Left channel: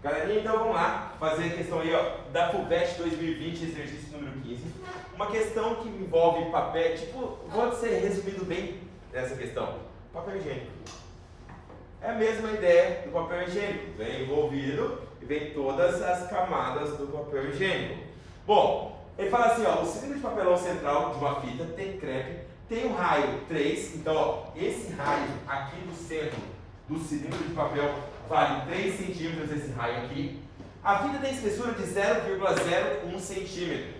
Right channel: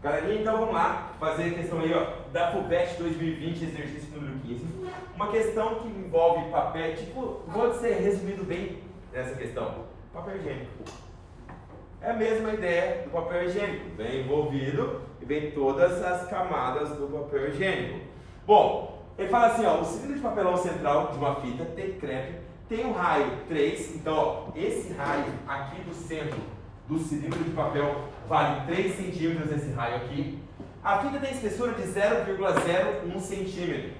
Galerinha, então vamos lá fazer a questão aí, ó, da FUVEST 2020, exercício número 15. Uma questão que envolve papel, tipo, vou ser resumido bem nessa questão. Papel higiênico. É a mesma ideia do papel higiênico. Vem envolvido e vem todas as camadas do papel higiênico. Bom, ele fala assim, ó, o cilindro de papelão central de uma fita T-crepe tem um raio 3, então ó, esse raio aqui do centro do cilindro de papel vale 3 centímetros esse raio aqui. A fita tem espessura de 0,01 centímetro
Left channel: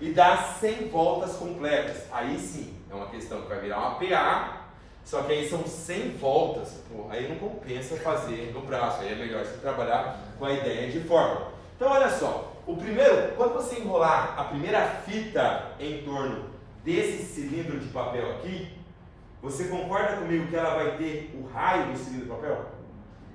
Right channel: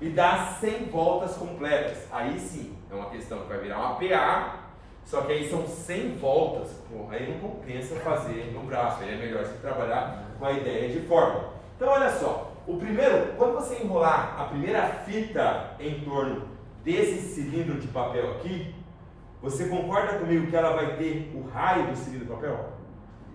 e dá 100 voltas completas. Aí sim, é uma questão que vai virar uma PA, só que aí são 100 voltas, pô, aí não compensa fazer no braço, aí é melhor você trabalhar com a ideia de fórmula. Então olha só, o primeiro, quando você enrolar a primeira fita em torno desse cilindro de papel aqui, você concorda comigo que ela vai ter o raio do cilindro de papel?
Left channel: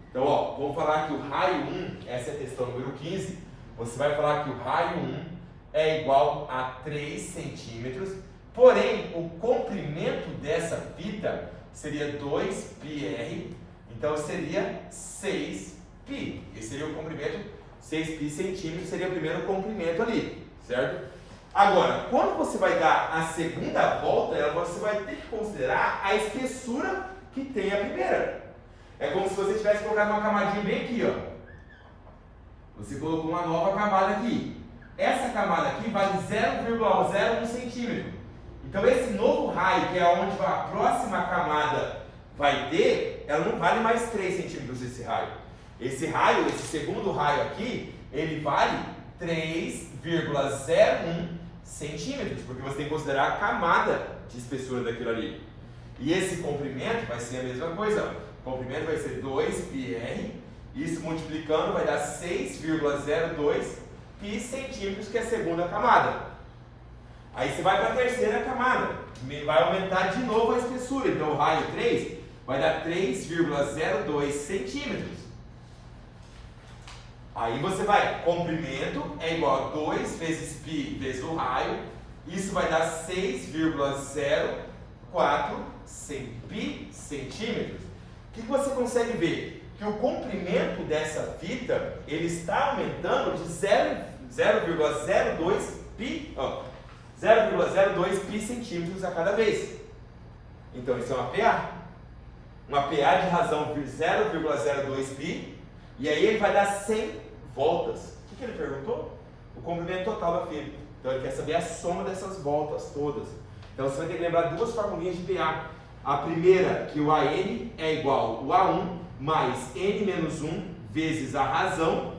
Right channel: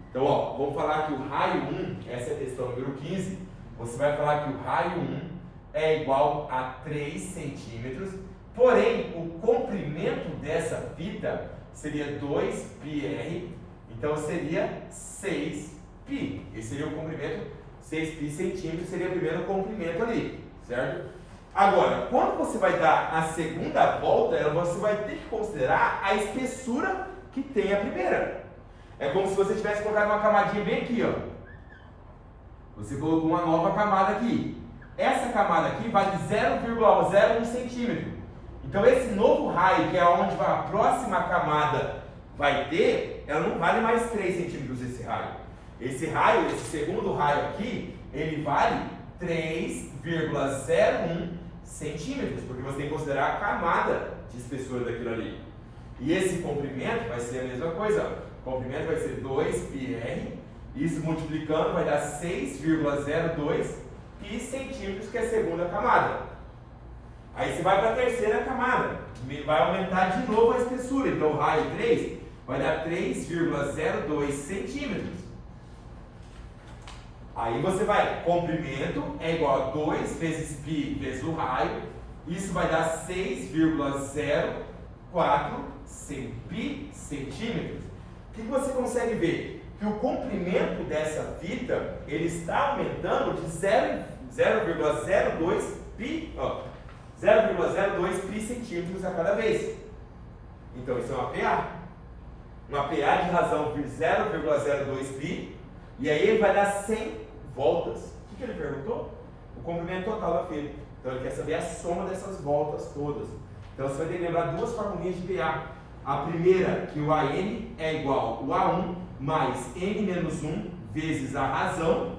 Então, ó, vamos falar que o raio 1, essa é a questão número 15, você vai falar que o raio 1 é igual a 3 centímetros, porém, o comprimento dessa fita seria 2πr, então seria 6π. Esse seria o comprimento, 6π centímetros seria o primeiro comprimento ali, certo? Agora, quando você vai dar a segunda volta, você vai ter que considerar a espessura que tem a primeira. É como se você tivesse colocado uma camadinha bem aqui, ó. Você colocou uma nova camada aqui. Essa camada aqui vale 0,01 centímetro. Então esse novo raio, que é onde a próxima camada vai ter, ela não vale mais 3 centímetros esse raio. Esse raio, esse segundo raio aqui, ele vale 3,01 centímetros, porque você tem que considerar a camada de espessura daquilo ali. E esse comprimento vai ser a mesma coisa. O comprimento vai ser 2πr, isso multiplicando vai dar 6,02 π centímetros, que é a segunda camada. Aí você vai para a terceira camada, vai aumentar de novo a espessura, então o raio 3 vai dar 3,02 centímetros. Aí você vai, comprimento é igual a 2 vezes π vezes o raio, isso vai dar 6,04 π centímetros. O que você consegue ver? Que o comprimento dessa fita, ele está aumentando de 0,02 π centímetros a cada vez. Então isso é uma PA. Uma PA de razão de 0,02 π, e aí ele vai dar 100 voltas. O que ele perguntou? O comprimento total da fita. Então ele quer saber a soma dessas voltas todas. Então você vai ter que lembrar duas formulinhas de PA. A primeira, que o AN é igual ao A1 mais N menos 1 vezes a razão.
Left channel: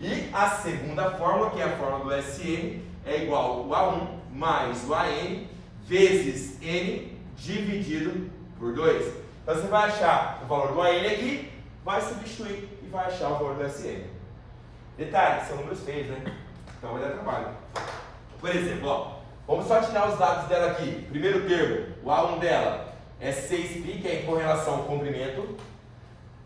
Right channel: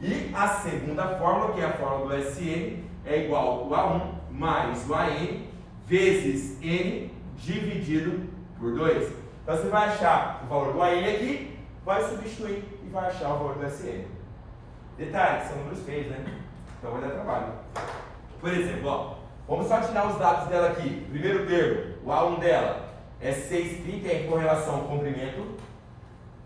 E a segunda fórmula, que é a fórmula do SN, é igual ao A1 mais o AN vezes N dividido por 2. Então você vai achar o valor do AN aqui, vai substituir e vai achar o valor do SN. Detalhe, são números feios, né? Então vai dar trabalho. Por exemplo, ó, vamos só tirar os dados dela aqui. Primeiro termo, o A1 dela é 6π, que é em correlação ao comprimento.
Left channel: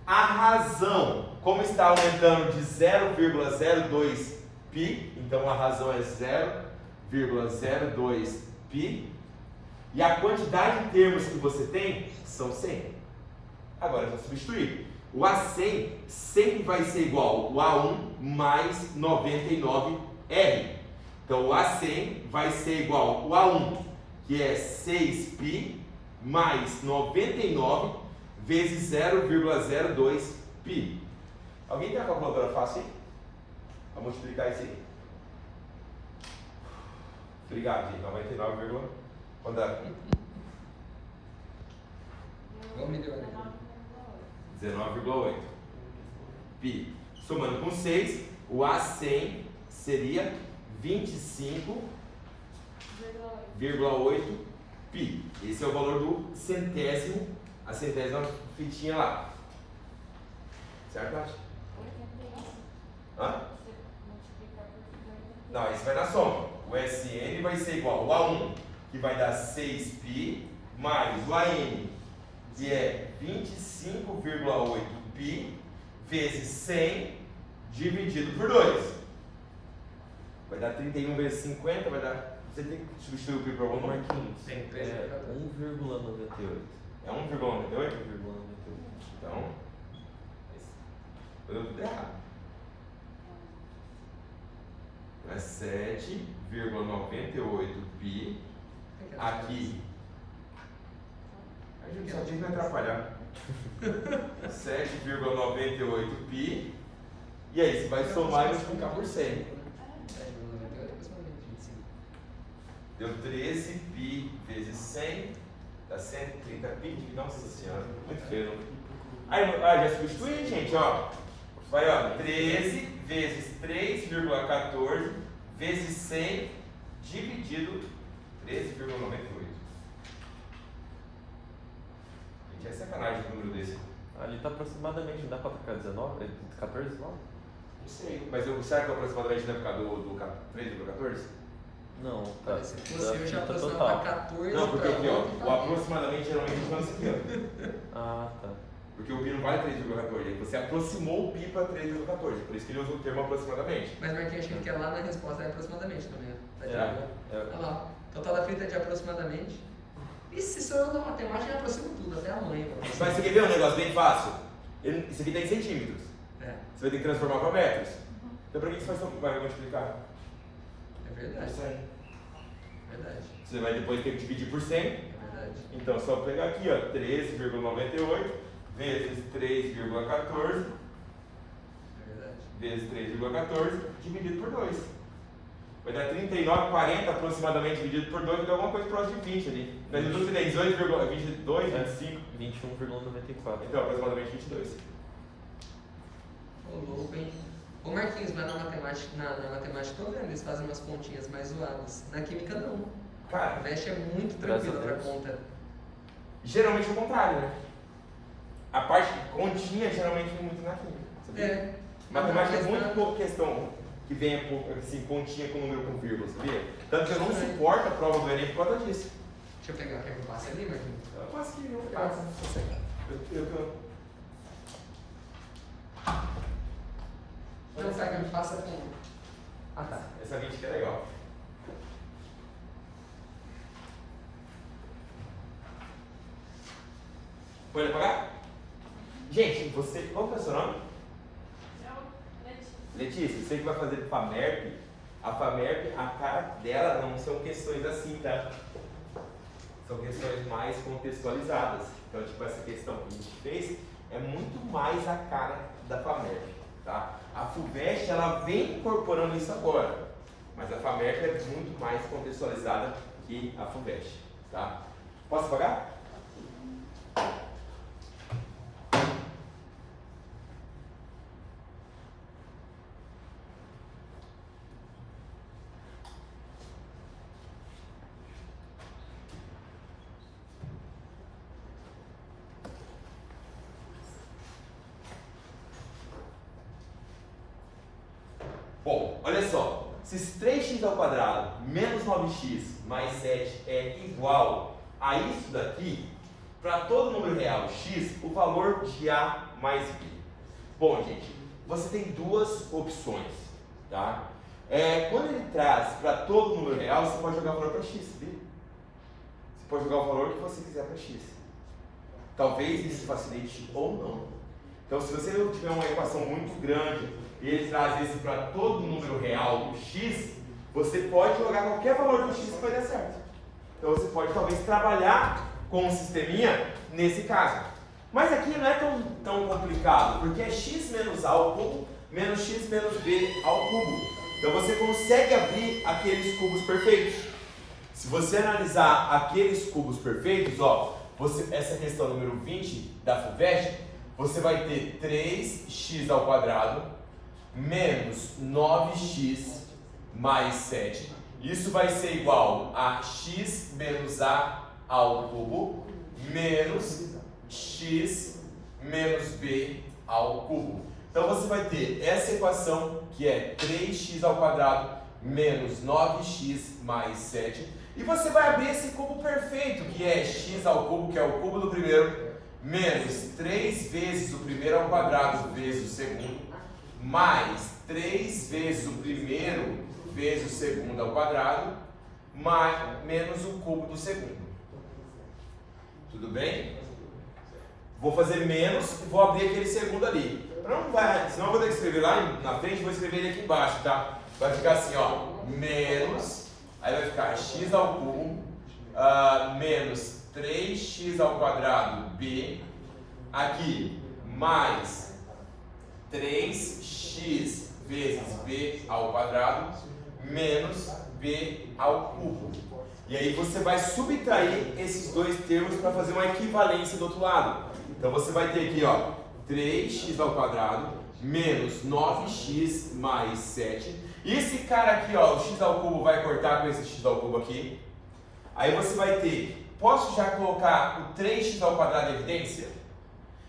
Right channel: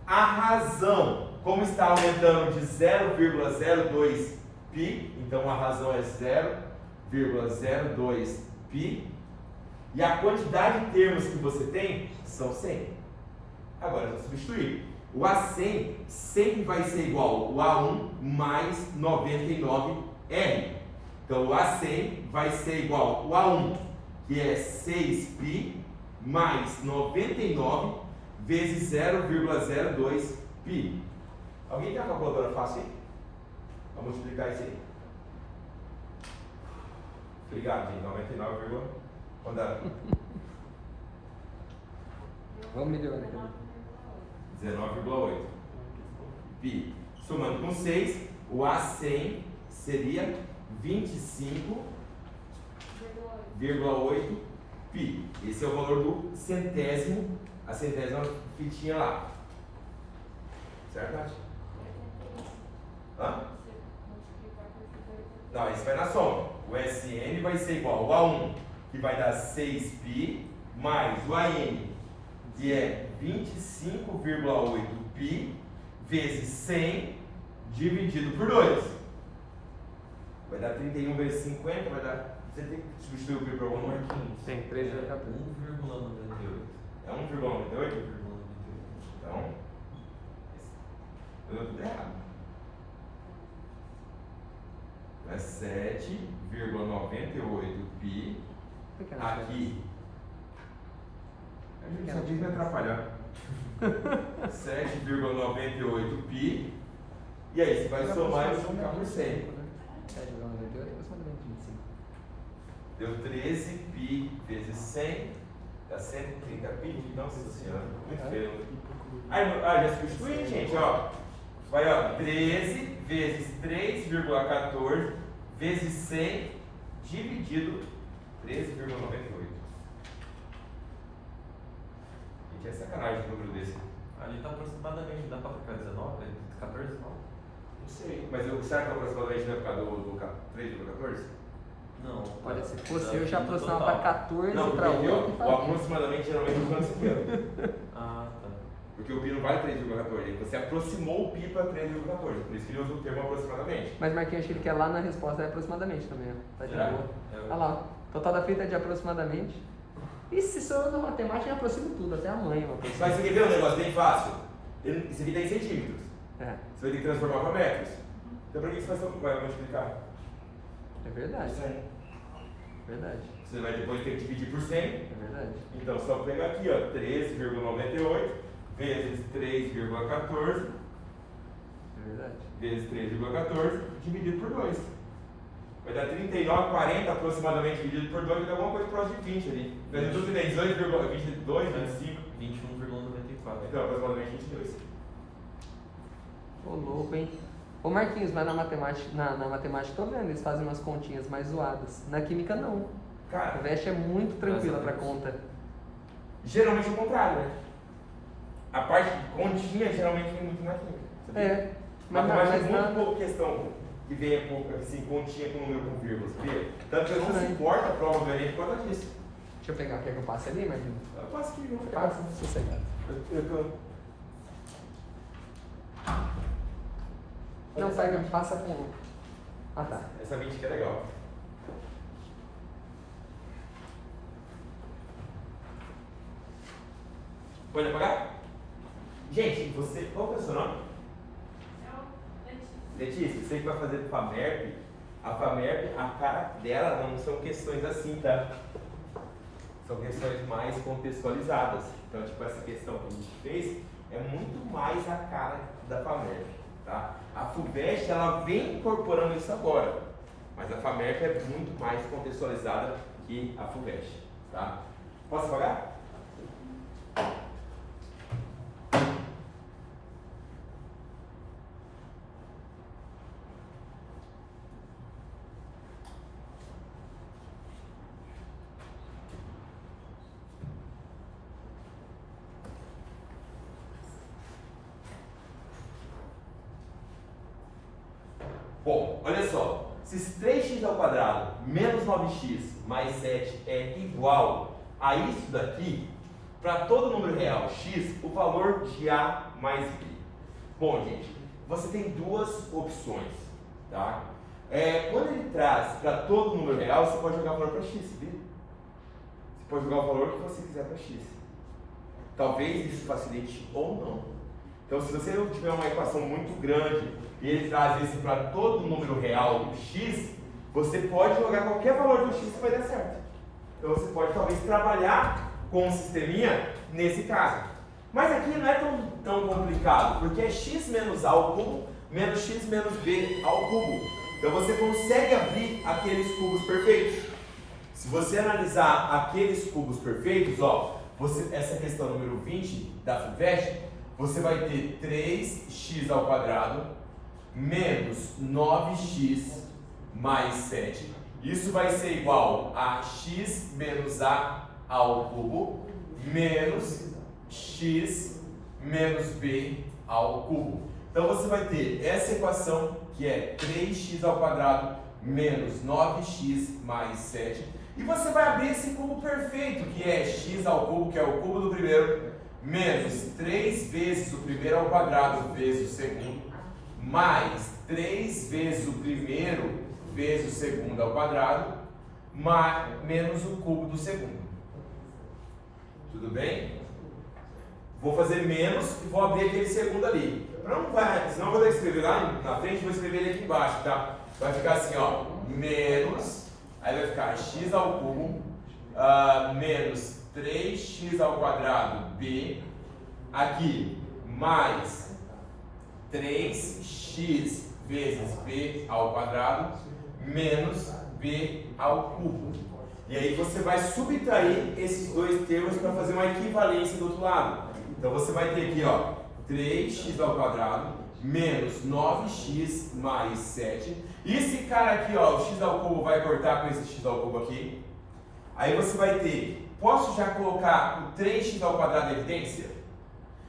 A razão, como está aumentando de 0,02 π, então a razão é 0,02 π. E a quantidade de termos que você tem são 100. Agora eu vou substituir. O A100 sempre vai ser igual ao A1 mais 99R. Então o A100 vai ser igual ao A1, que é 6π, mais 99 vezes 0,02 π. Alguém tem uma calculadora fácil aí? Vamos multiplicar isso aí. Obrigado, gente. 99, quando dá? Vamos melhorar aqui. 19,8 π. Somando com 6, o A100 seria 25,8 π. Esse é o valor do centésimo, a centésima fitinha lá. Certo, Nath? Hã? Não, isso vai na soma. O SN vai ser igual ao A1, que vai dar 6π, mais o AN, que é 25,8 π, vezes 100, dividido por 2. Vai dar 31 vezes 50, vai dar... Você tem que substituir o π por algum número? Tem 3, 1,98. É 1,98? Então, eu tudo errado. é 7,98π. Aqui. A gente só tem que me atrapalhar. 7,98π. E aí, você vai somar e multiplicar por 100. 7,98 é aproximadamente 25. Deu 13π vezes 100. Dá 130π. Nossa senhora, muito feio. Aí, já substitui, gente, ó. Vai, ó, 13 vezes 3,14 vezes 100 dividido 13,98. Gente, é sacanagem esse número desse. Ali está aproximadamente, não dá para ficar 19? 14? Não sei. Mas será que aproximadamente não é por causa do 3,14? Não. Olha, se fosse eu já aproximava para 14 Não, porque para aqui, ó, 8 e o para aproximadamente geralmente é isso aqui, ó. Ah, tá. Porque o pi não vale 3,14. Você aproximou o pi para 3,14. Por isso que ele usa o termo aproximadamente. Mas Marquinhos, acho que ele quer lá na resposta é aproximadamente também, ó. Tá de boa. Olha lá, ó. Total da frita é de aproximadamente. E se sou eu na matemática, eu aproximo tudo, até a mãe. Mas você quer ver um negócio bem fácil? Isso aqui tem centímetros. É, Você vai ter que transformar para metros. Então para que você vai multiplicar? é verdade. 100. Verdade. Você vai depois ter que dividir por 100. É verdade. Então só pegar aqui, ó, 13,98 vezes 3,14 É verdade. vezes 3,14 dividido por 2. Vai dar 39,40 aproximadamente dividido por 2, vai dar alguma coisa próxima de 20 ali. Mas em tudo tem 18,22, 25. 21,94. Então aproximadamente 22. Ô louco, hein? Ô Marquinhos, mas na matemática, na matemática tô vendo, eles fazem umas continhas mais zoadas. Na química não. A Cara, Veste é muito tranquila pra conta. geralmente é o contrário, né? A parte de continha geralmente vem muito na química. Sabia? É. Matemática é mas muito na- pouca questão que venha assim, continha com número com vírgula, sabia? Tanto que eu não Estranho. suporto a prova do Enem por causa disso. Deixa eu pegar, quer que eu passe ali, Marquinhos? Eu passo aqui, não Passa, passa. você quer. Não, sai, não, passa aqui não. Ah, tá. Essa 20 aqui é legal. Pode apagar? Gente, você. Qual que é o seu nome? Letícia, você que vai fazer FAMERP, a FAMERP, a cara dela não são questões assim, tá? São questões mais contextualizadas. Então, tipo, essa questão que a gente fez é muito mais a cara da FAMERP, tá? A FUVEST, ela vem incorporando isso agora, mas a FAMERP é muito mais contextualizada que a FUVEST, tá? Posso apagar? Bom, olha só, se 3x ao quadrado menos 9x mais 7 é igual a isso daqui, para todo número real x, o valor de a mais b. Bom, gente, você tem duas opções, tá? Quando ele traz para todo número real, você pode jogar o valor para x, viu? Você pode jogar o valor que você quiser para x. Talvez isso facilite ou não. Então, se você não tiver uma equação muito grande e ele traz isso para todo número real x, você pode jogar qualquer valor do x que vai dar certo. Então, você pode talvez trabalhar com um sisteminha nesse caso. Mas aqui não é tão complicado, porque é x menos a ao cubo menos x menos b ao cubo. Então, você consegue abrir aqueles cubos perfeitos. Se você analisar aqueles cubos perfeitos, ó, essa questão número 20 da FUVEST, você vai ter 3x ao quadrado menos 9x mais 7. Isso vai ser igual a x menos a ao cubo menos x menos b ao cubo. Então você vai ter essa equação que é 3x ao quadrado menos 9x mais 7. E você vai abrir esse cubo perfeito, que é x ao cubo, que é o cubo do primeiro, menos 3 vezes o primeiro ao quadrado vezes o segundo, mais 3 vezes o primeiro vezes o segundo ao quadrado, menos o cubo do segundo. Tudo bem? Vou fazer menos e vou abrir aquele segundo ali. Senão eu vou ter que escrever lá na frente, vou escrever ele aqui embaixo, tá? vai ficar assim, ó, menos, aí vai ficar x ao cubo, menos 3x ao quadrado b, aqui, mais 3x vezes b ao quadrado, menos b ao cubo. E aí você vai subtrair esses dois termos para fazer uma equivalência do outro lado. Então você vai ter aqui, ó, 3x ao quadrado menos 9x mais 7. E esse cara aqui, ó, o x ao cubo vai cortar com esse x ao cubo aqui. Aí você vai ter, posso já colocar o 3x ao quadrado em evidência?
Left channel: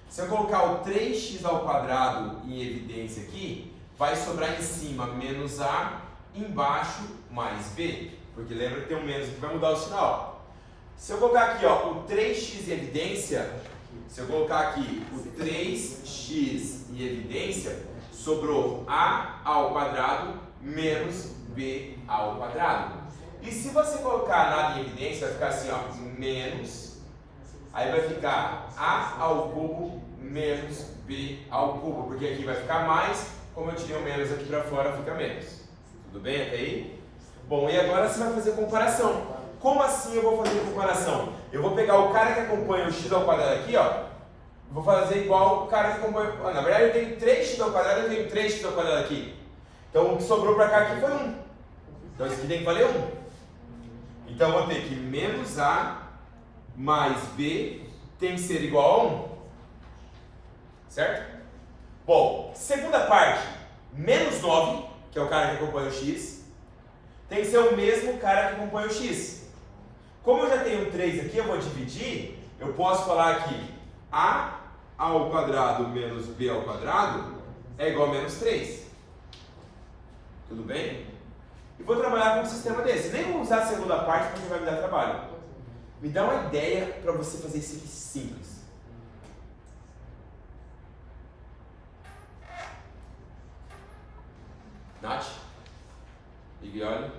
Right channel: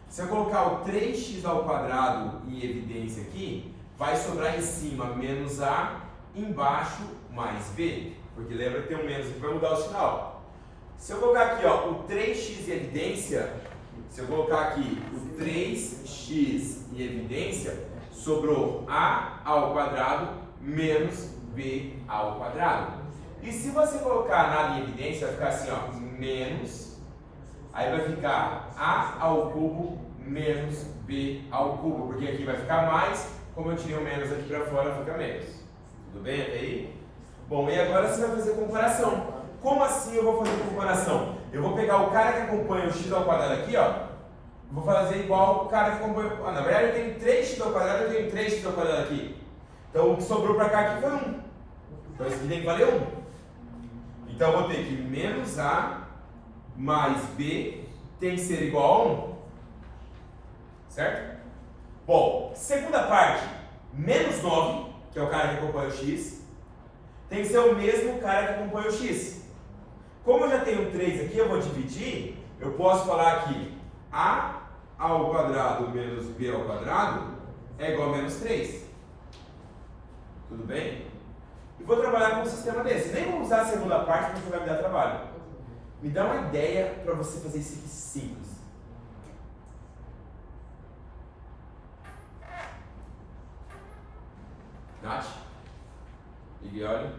Se eu colocar o 3x ao quadrado em evidência aqui, vai sobrar em cima menos a, embaixo mais b. Porque lembra que tem um menos que vai mudar o sinal. Se eu colocar aqui, ó, o 3x em evidência, se eu colocar aqui o 3x em evidência, sobrou a ao quadrado menos b ao quadrado. E se você colocar nada em evidência, vai ficar assim, ó, menos, aí vai ficar a ao cubo menos b ao cubo, porque aqui vai ficar mais, como eu tirei o menos aqui para fora, fica menos. Tudo bem até aí? Bom, e agora você vai fazer comparação. Como assim eu vou fazer comparação? Eu vou pegar o cara que acompanha o x ao quadrado aqui, ó. Vou fazer igual o cara que acompanha... na verdade eu tenho 3x ao quadrado, eu tenho 3x ao quadrado aqui. Então o que sobrou para cá aqui foi 1. Então isso aqui tem que valer 1. Então eu vou ter que menos a mais b tem que ser igual a 1. Certo? Bom, segunda parte, menos 9, que é o cara que acompanha o x, tem que ser o mesmo cara que acompanha o x. Como eu já tenho 3 aqui, eu vou dividir, eu posso falar que a ao quadrado menos b ao quadrado é igual a menos 3. Tudo bem? E vou trabalhar com um sistema desse. Nem vou usar a segunda parte porque vai me dar trabalho. Me dá uma ideia para você fazer isso aqui simples. Nath? E olha.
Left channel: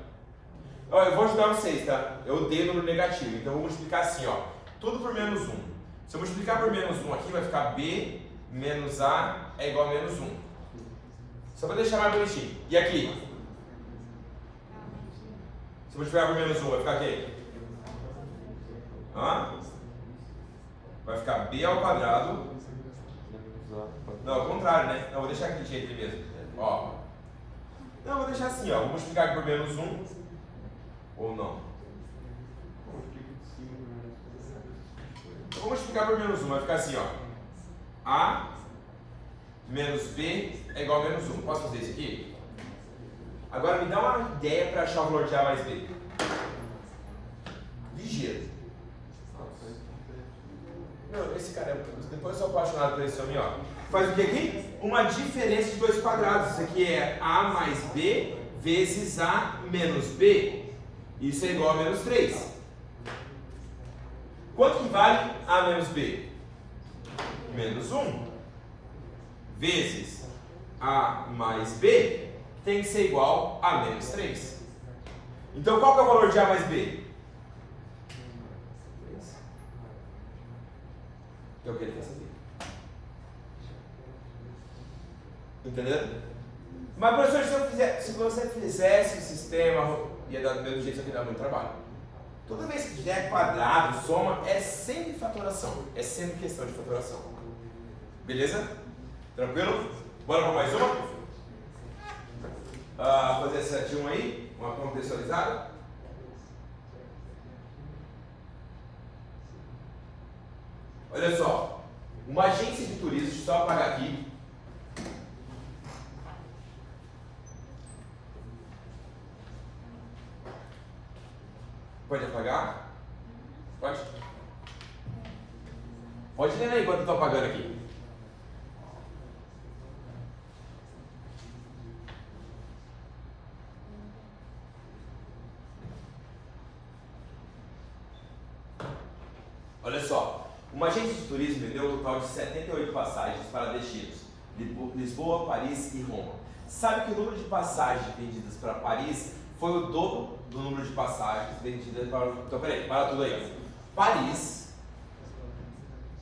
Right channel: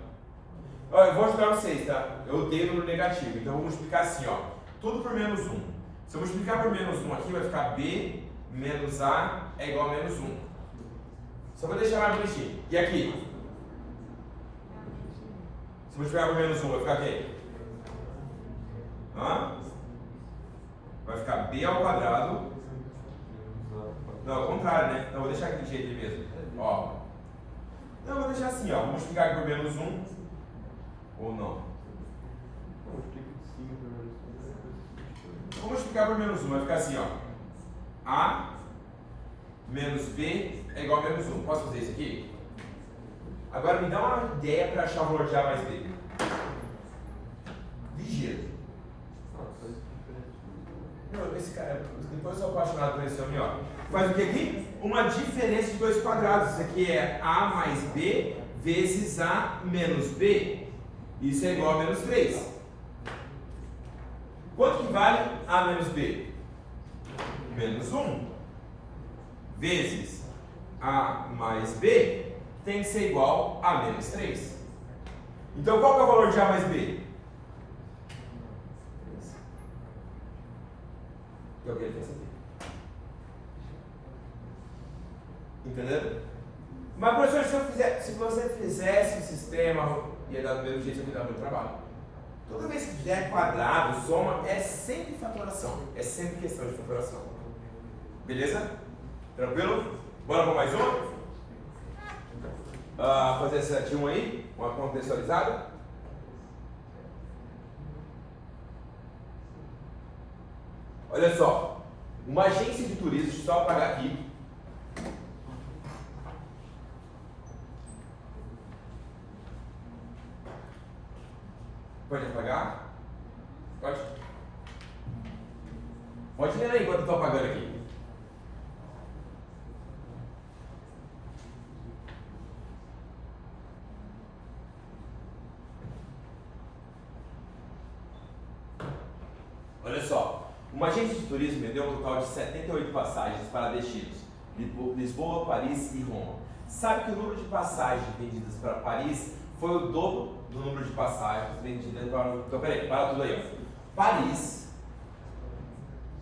Ó, eu vou ajudar vocês, tá? Eu odeio número negativo, então eu vou multiplicar assim, ó. Tudo por menos 1. Se eu multiplicar por menos 1 aqui, vai ficar b menos a é igual a menos 1. Só para deixar mais bonitinho. E aqui? Se eu multiplicar por menos 1, vai ficar o quê? Vai ficar b ao quadrado. Não, ao contrário, né? Não, vou deixar aquele jeito ali mesmo. Ó. Não, vou deixar assim, ó. Vou multiplicar aqui por menos 1. Ou não? Vou multiplicar por menos 1. Vai ficar assim, ó. A menos b é igual a menos 1. Posso fazer isso aqui? Agora me dá uma ideia para achar o valor de a mais b. Ligeiro. Não, esse cara, depois eu sou apaixonado por esse homem, ó. Faz o que aqui? Uma diferença de 2 quadrados. Isso aqui é a mais b vezes a menos b. Isso é igual a menos 3. Quanto que vale a menos b? Menos 1. Vezes a mais b tem que ser igual a menos 3. Então qual que é o valor de a mais b? Que é o que ele quer saber. Entendeu? Mas professor, se você fizesse o sistema, ia dar do mesmo jeito, isso aqui dá muito trabalho. Toda vez que der quadrado, soma, é sempre fatoração. É sempre questão de fatoração. Beleza? Tranquilo? Bora para mais uma? Fazer essa de 1 aí, uma contextualizada. Olha só, uma agência de turismo, deixa eu só apagar aqui. Pode apagar? Pode? Pode ler aí enquanto eu estou apagando aqui. Olha só, uma agência de turismo vendeu um total de 78 passagens para destinos Lisboa, Paris e Roma. Sabe que o número de passagens vendidas para Paris foi o dobro do número de passagens vendidas para... Então, peraí, para tudo aí, ó. Paris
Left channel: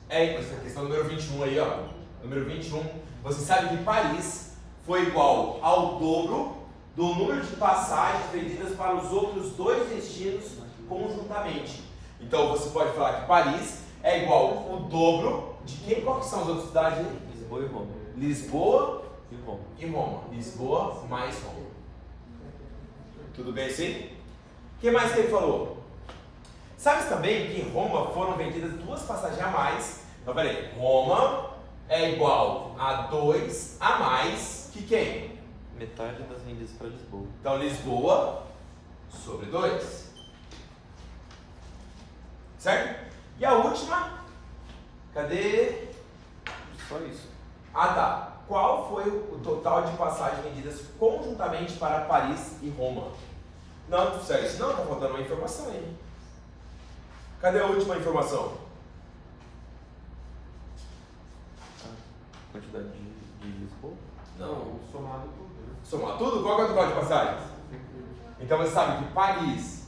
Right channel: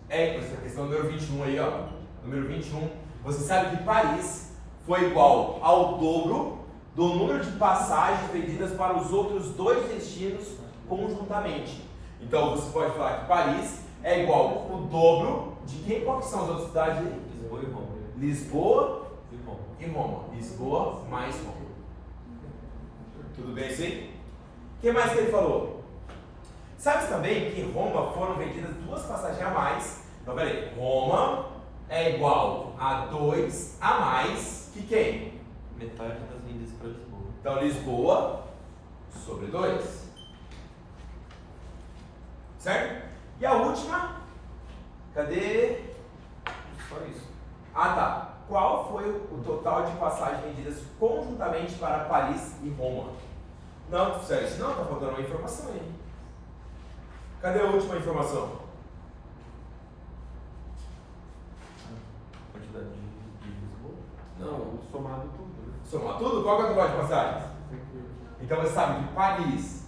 é essa questão número 21 aí, ó. Número 21. Você sabe que Paris foi igual ao dobro do número de passagens vendidas para os outros dois destinos conjuntamente. Então você pode falar que Paris é igual o dobro de quem? Qual que são as outras cidades? Lisboa e Roma. Lisboa E Roma. e Roma. Lisboa mais Roma. Tudo bem assim? O que mais que ele falou? Sabe também que em Roma foram vendidas 2 passagens a mais. Então peraí, Roma é igual a 2 a mais que quem? Metade das vendidas para Lisboa. Então Lisboa sobre 2. Certo? E a última? Cadê? Só isso. Ah tá. Qual foi o total de passagens vendidas conjuntamente para Paris e Roma? Não, sério, não, tá faltando uma informação aí. Cadê a última informação? Quantidade de Lisboa? Não. Somado tudo, né? Somar tudo? Qual que é o total de passagens? Então você sabe que Paris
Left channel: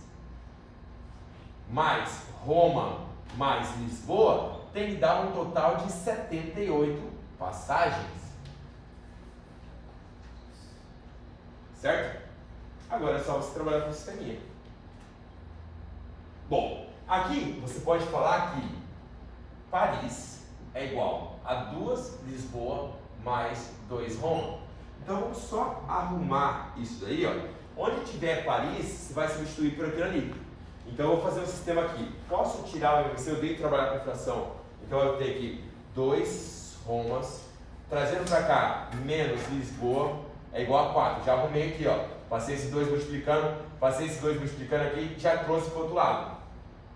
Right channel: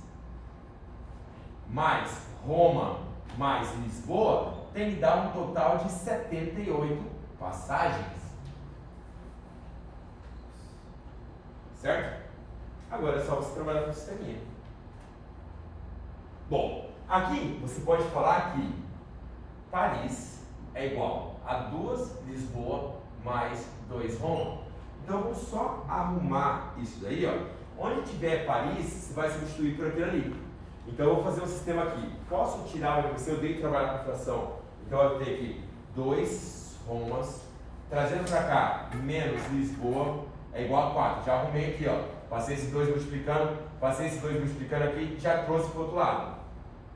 mais Roma mais Lisboa tem que dar um total de 78 passagens. Certo? Agora é só você trabalhar com o sisteminha. Bom, aqui você pode falar que Paris é igual a 2 Lisboa mais 2 Roma. Então vamos só arrumar isso daí, ó. Onde tiver Paris, você vai substituir por aquilo ali. Então eu vou fazer um sistema aqui. Posso tirar o MVC? Eu odeio trabalhar com fração. Então eu vou ter aqui 2 Romas, trazendo para cá menos Lisboa é igual a 4. Já arrumei aqui, ó. Passei esses 2 multiplicando, aqui, já trouxe para o outro lado.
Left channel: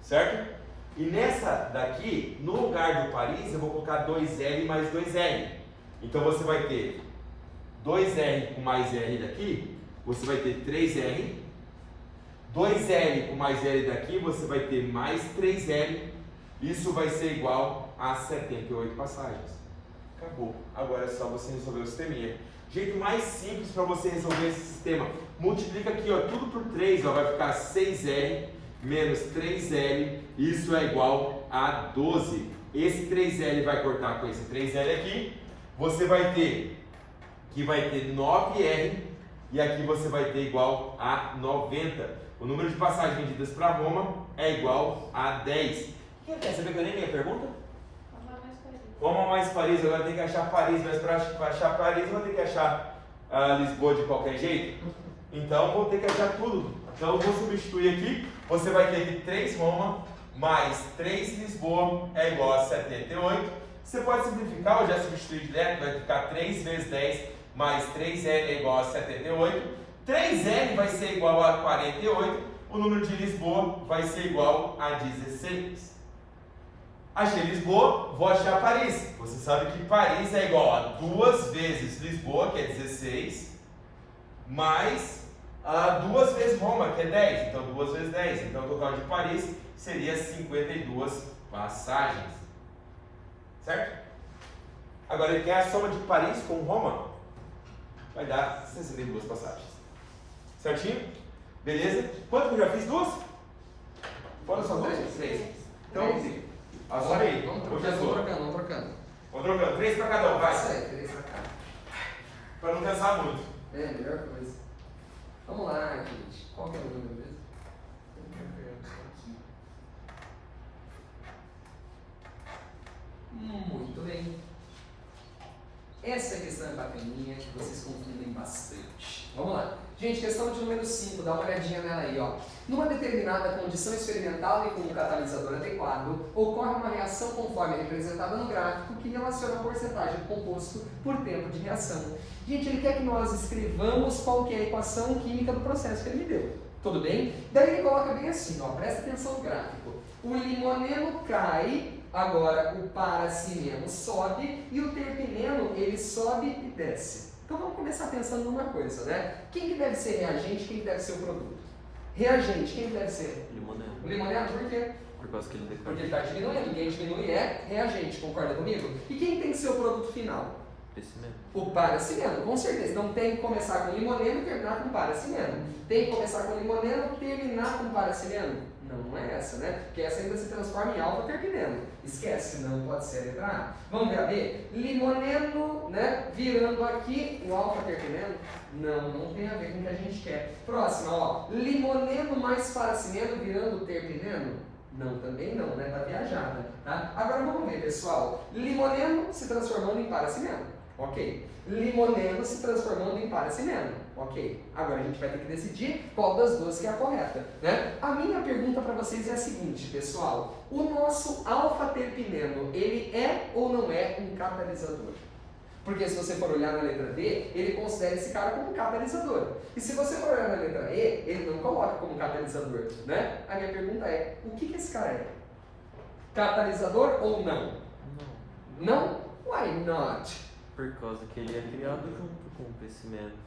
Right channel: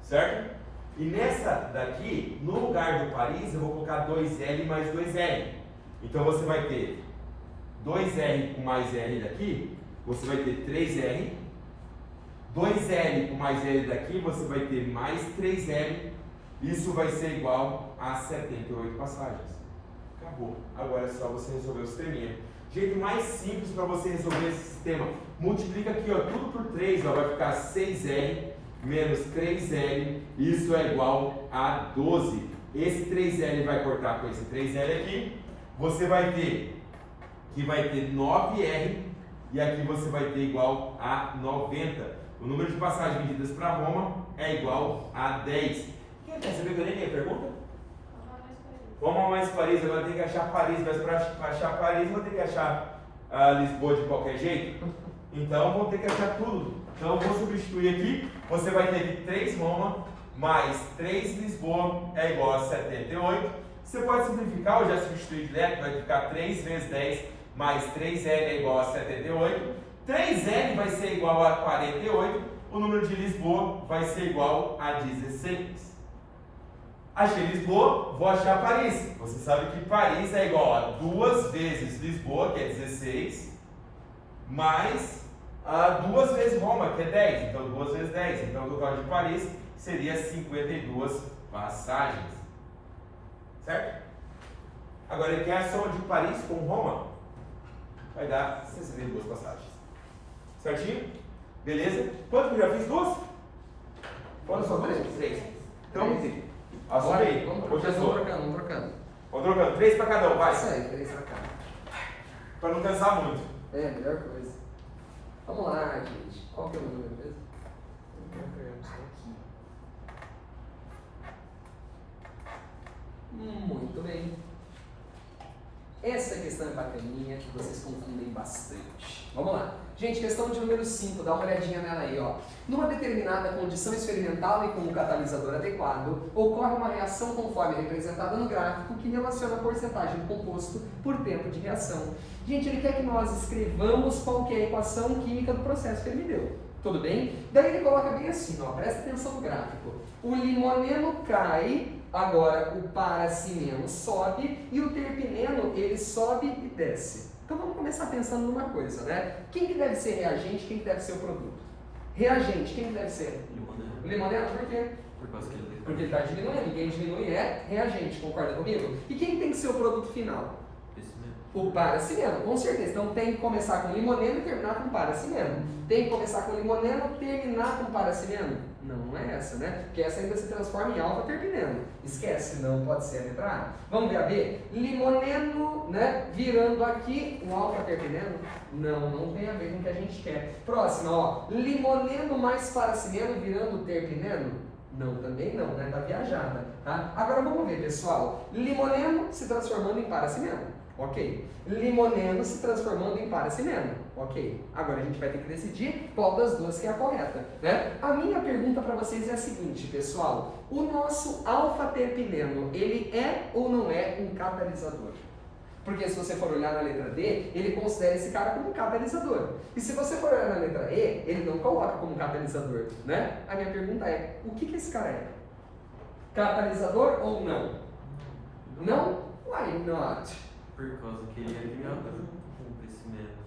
Certo? E nessa daqui, no lugar do Paris, eu vou colocar 2L mais 2R. Então você vai ter 2R com mais R daqui, você vai ter 3R. 2L com mais L daqui, você vai ter mais 3L. Isso vai ser igual a 78 passagens. Acabou. Agora é só você resolver o sisteminha. Jeito mais simples para você resolver esse sistema. Multiplica aqui, ó, tudo por 3, ó, vai ficar 6R menos 3L. Isso é igual a 12. Esse 3L vai cortar com esse 3L aqui. Você vai ter que vai ter 9R e aqui você vai ter igual a 90. O número de passagens vendidas para Roma é igual a 10. Quem quer saber que eu nem tenho pergunta? Roma mais Paris. Agora eu tenho que achar Paris, mas para achar Paris eu vou ter que achar Lisboa de qualquer jeito. Então vou ter que achar tudo. Então eu vou substituir aqui. Você vai ter que 3 Roma mais 3 Lisboa é igual a 78. Você pode simplificar ou já substituir direto, vai ficar 3 vezes 10 mais 3L é igual a 78. 3L vai ser igual a 48, o número de Lisboa vai ser igual a 16. Achei Lisboa, vou achar Paris. Você sabe que Paris é igual a 2 vezes Lisboa, que é 16, mais 2 vezes Roma, que é 10. Então 2 vezes 10. Então o total de Paris seria 52 passagens. Certo? Agora ele quer a soma de Paris com Roma. Vai dar 62 passagens. Certinho? Beleza? Quanto que eu já fiz? 2? Foram só 2? 3. Então, assume aí. Vamos trocando. Vamos trocando. 3 para cada um, vai. Isso aí, 3 para cada. Para não cansar muito. É, melhor coisa. Vamos lá, gente. Qual que é o número mesmo? Muito bem. Essa questão é bacaninha, que vocês confundem bastante. Vamos lá. Gente, questão de número 5, dá uma olhadinha nela aí, ó. Numa determinada condição experimental e com um catalisador adequado, ocorre uma reação conforme representada no gráfico que relaciona a porcentagem do composto por tempo de reação. Gente, ele quer que nós escrevamos qual que é a equação química do processo que ele me deu. Tudo bem? Daí ele coloca bem assim, ó, presta atenção no gráfico. O limoneno cai, agora o paracimeno sobe e o terpeneno ele sobe e desce. Então vamos começar pensando numa coisa, né? Quem que deve ser reagente, quem que deve ser o produto? Reagente, quem que deve ser? Limoneno. O limoneno, por quê? Por causa que ele Porque ele está diminuindo, quem diminui é reagente, concorda comigo? E quem tem que ser o produto final? Crescimento. O paracimeno, com certeza. Então tem que começar com limoneno e terminar com paracimeno. Tem que começar com limoneno e terminar com paracimeno? Não é essa, né? Porque essa ainda se transforma em alfa-terpineno. Esquece, não pode ser a letra A. Vamos ver a B? Limoneno, né? Virando aqui o alfa-terpineno? Não tem a ver com o que a gente quer. Próxima, ó. Limoneno mais paracimeno virando terpineno? Não, também não, né? Tá viajada, tá? Agora vamos ver, pessoal. Limoneno se transformando em paracimeno. Ok. Limoneno se transformando em paracimeno. Ok. Agora a gente vai ter que decidir qual das duas que é a correta, né? A minha pergunta para vocês é a seguinte, pessoal. O nosso alfa-terpineno, ele é ou não é um catalisador? Porque se você for olhar na letra D, ele considera esse cara como um catalisador. E se você for olhar na letra E, ele não coloca como catalisador, né? A minha pergunta é, o que esse cara é? Catalisador ou não? Não? Why not? Por causa que ele é criado junto com o crescimento.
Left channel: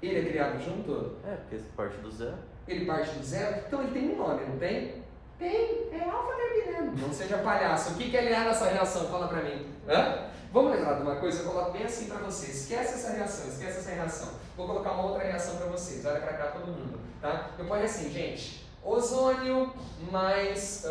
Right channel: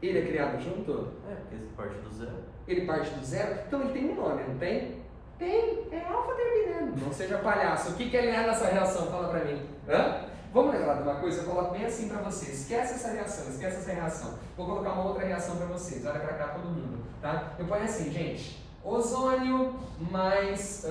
Ele é criado junto? É, porque esse parte do zero. Ele parte do zero? Então ele tem um nome, não tem? Tem, é alfa-terpineno. Não seja palhaço. O que ele é nessa reação? Fala pra mim. Hã? Vamos lembrar de uma coisa, eu coloco bem assim pra vocês. Esquece essa reação, esquece essa reação. Vou colocar uma outra reação pra vocês. Olha pra cá todo mundo, tá? Eu ponho assim, gente. Ozônio mais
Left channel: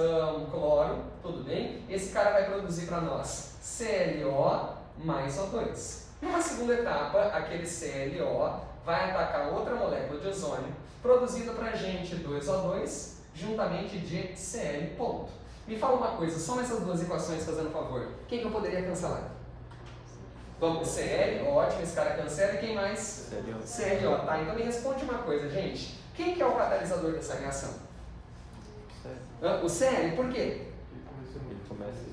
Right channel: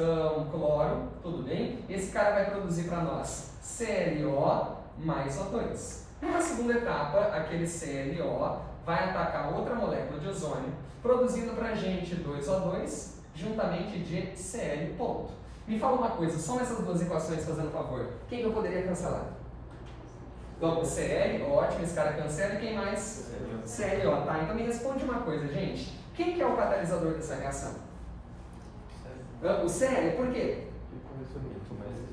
cloro, tudo bem? Esse cara vai produzir pra nós ClO mais O2. Numa segunda etapa, aquele ClO vai atacar outra molécula de ozônio, produzindo pra gente 2O2 juntamente de Cl ponto. Me fala uma coisa, soma essas duas equações fazendo favor. Quem que eu poderia cancelar? Vamos, Cl, ótimo, esse cara cancela, e quem mais? ClO, tá? Então me responde uma coisa, gente. Quem que é o catalisador dessa reação? O Cl, por quê?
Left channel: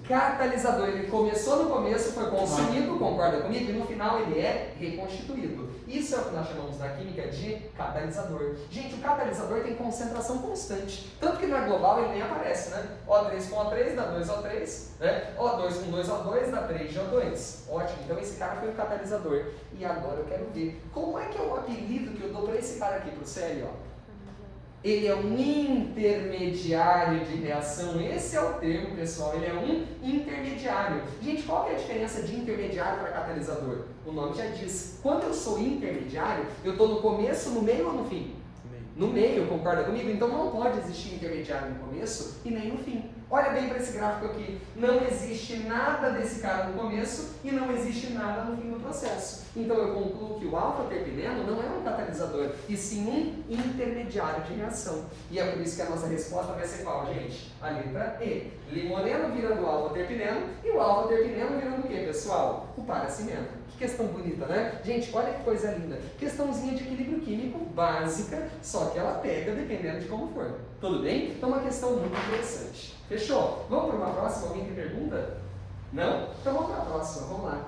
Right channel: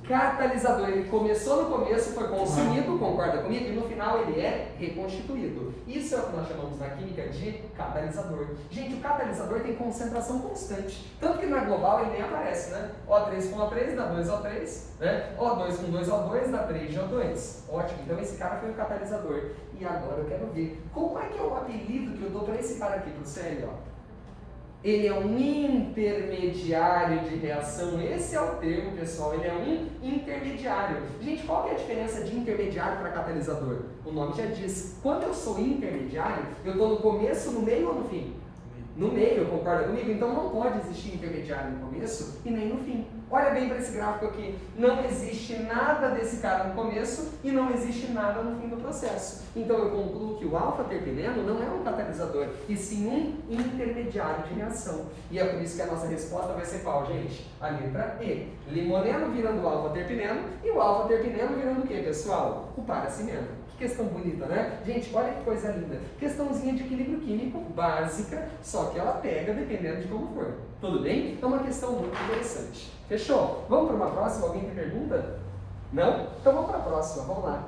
Catalisador, ele começou no começo, foi consumido, concorda comigo? E no final ele é reconstituído. Isso é o que nós chamamos na química de catalisador. Gente, o catalisador tem concentração constante. Tanto que na global ele nem aparece, né? O3 com O3 dá 2O3, né? O2 com 2O2 dá 3G2. Ótimo, então esse cara foi o catalisador. E agora eu quero ver, como é que é o apelido que eu dou para esse cara aqui, pro Cl, ó? Ele é um intermediário de reação. Esse é o termo, pessoal. Ele é um intermediário. Gente, qual que é a diferença de intermediário para catalisador? O nome já diz. Quando eu sou intermediário, eu estou no começo, no meio ou no fim? No meio, concorda comigo? Então não pode existir intermediário no começo e nem no fim. Olha bem para esse gráfico aqui. Não existe nada desse cara no começo e não existe nada no fim do processo. Então eu concluo que o alfa-terpineno não é um catalisador, e sim um intermediário de reação. E é por isso que a nossa resposta vai ser qual, gente? A letra E. Limoneno virando alfa-terpineno e o alfa-terpineno virando o quê, pessoal? O paracimeno. Que questão bonita, né? Gente, olha que coisa linda. Questãozinha de equilíbrio químico básica, só que ela pega dependendo de como for. Tudo bem? Então uma questão muito interessante. Fechou? Vamos para uma próxima? Alguém tem pergunta? Não? Então vamos para a próxima, vamos lá.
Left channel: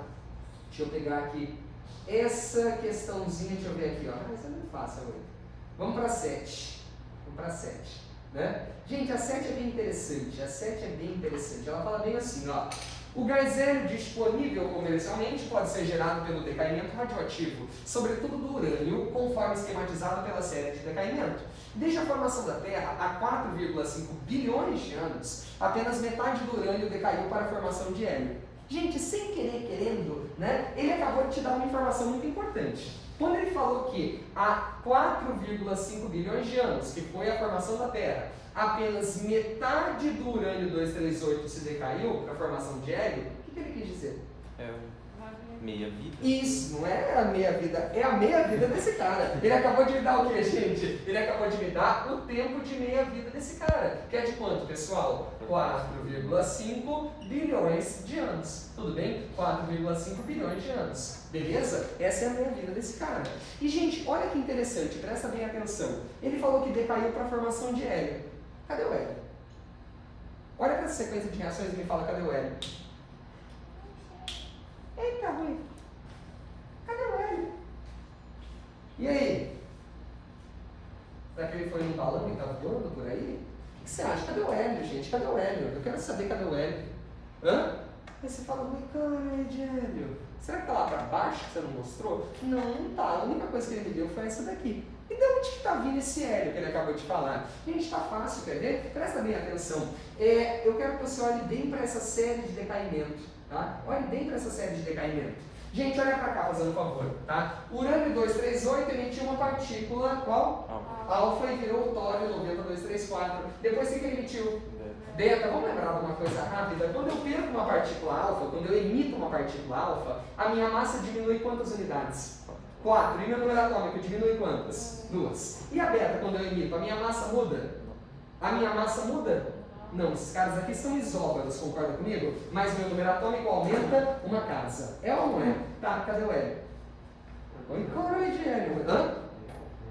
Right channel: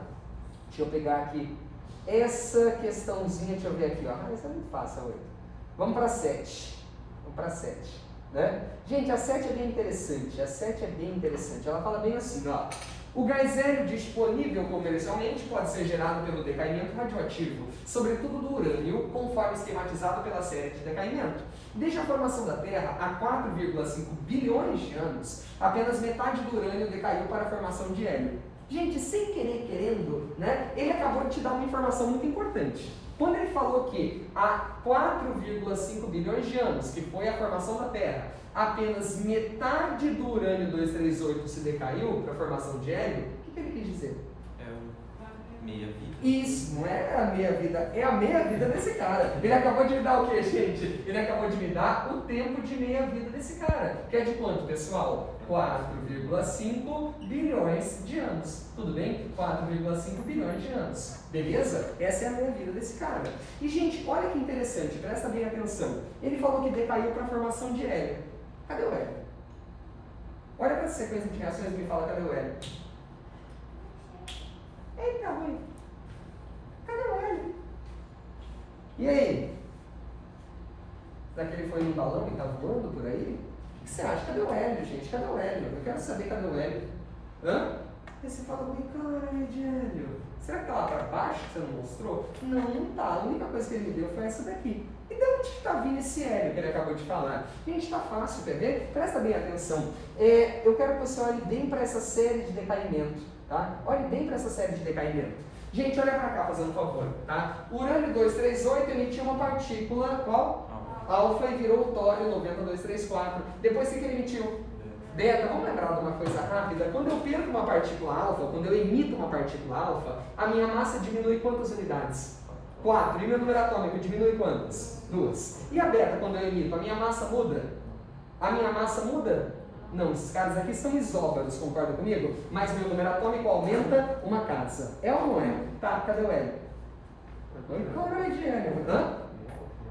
Deixa eu pegar aqui essa questãozinha, deixa eu ver aqui, ó. Ah, isso é muito fácil, 8. Vamos para 7. Vamos para 7. Né? Gente, a 7 é bem interessante. A 7 é bem interessante. Ela fala bem assim, ó. O gás hélio disponível comercialmente pode ser gerado pelo decaimento radioativo, sobretudo do urânio, conforme esquematizado pela série de decaimento. Desde a formação da Terra, há 4,5 bilhões de anos, apenas metade do urânio decaiu para a formação de hélio. Gente, sem querer, querendo, né, ele acabou de te dar uma informação muito importante. Quando ele falou que há 4,5 bilhões de anos, que foi a formação da Terra, apenas metade do urânio 238 se decaiu para a formação de hélio, o que ele quis dizer? É meia vida. Isso, não é a meia vida, é a meia vida desse cara. Ele acabou de me dar o quê, gente? Ele acabou de me dar o tempo de meia vida desse cara. Que é de quanto, pessoal? 4,5 bilhões de anos. Tudo bem? 4,5 bilhões de anos. Beleza? Essa é a meia vida desse cara. E, gente, olha que interessante, presta bem atenção. Ele falou que decaiu para a formação de hélio. Cadê o hélio? Olha para essa sequência de reações e me fala, cadê o hélio? Eita, ruim. Cadê o hélio? E aí? Será que ele foi num balão e está voando por aí? O que você acha? Cadê o hélio, gente? Cadê o hélio? Eu quero saber cadê o hélio. Hã? Aí você fala, cara, de hélio. Será que está lá para baixo que você não mostrou? Não, não está. A única coisa que ele me deu foi essa daqui. E de onde que está vindo esse hélio que ele acabou de falar? Gente, está fácil, quer ver? Presta bem atenção. Eu quero que você olhe bem para essa série de decaimento. Tá? Olhe bem para essa série de decaimento. Gente, olha para cá fazendo um favor, tá? Urânio 238 emitiu uma partícula, qual? Alfa, e virou o tório 90234. Depois o que ele emitiu? Beta. Vamos lembrar de uma coisa rápida? Quando eu perco uma partícula alfa, quando eu emito uma partícula alfa, a minha massa diminui quantas unidades? 4. E meu número atômico diminui quantas? 2. E a beta, quando eu emito, a minha massa muda? A minha massa muda? Não, esses caras aqui são isóbaros, concorda comigo? Mas meu número atômico aumenta uma casa. É ou não é? Tá, cadê o Hélio? Cloruro de hélio. Hã?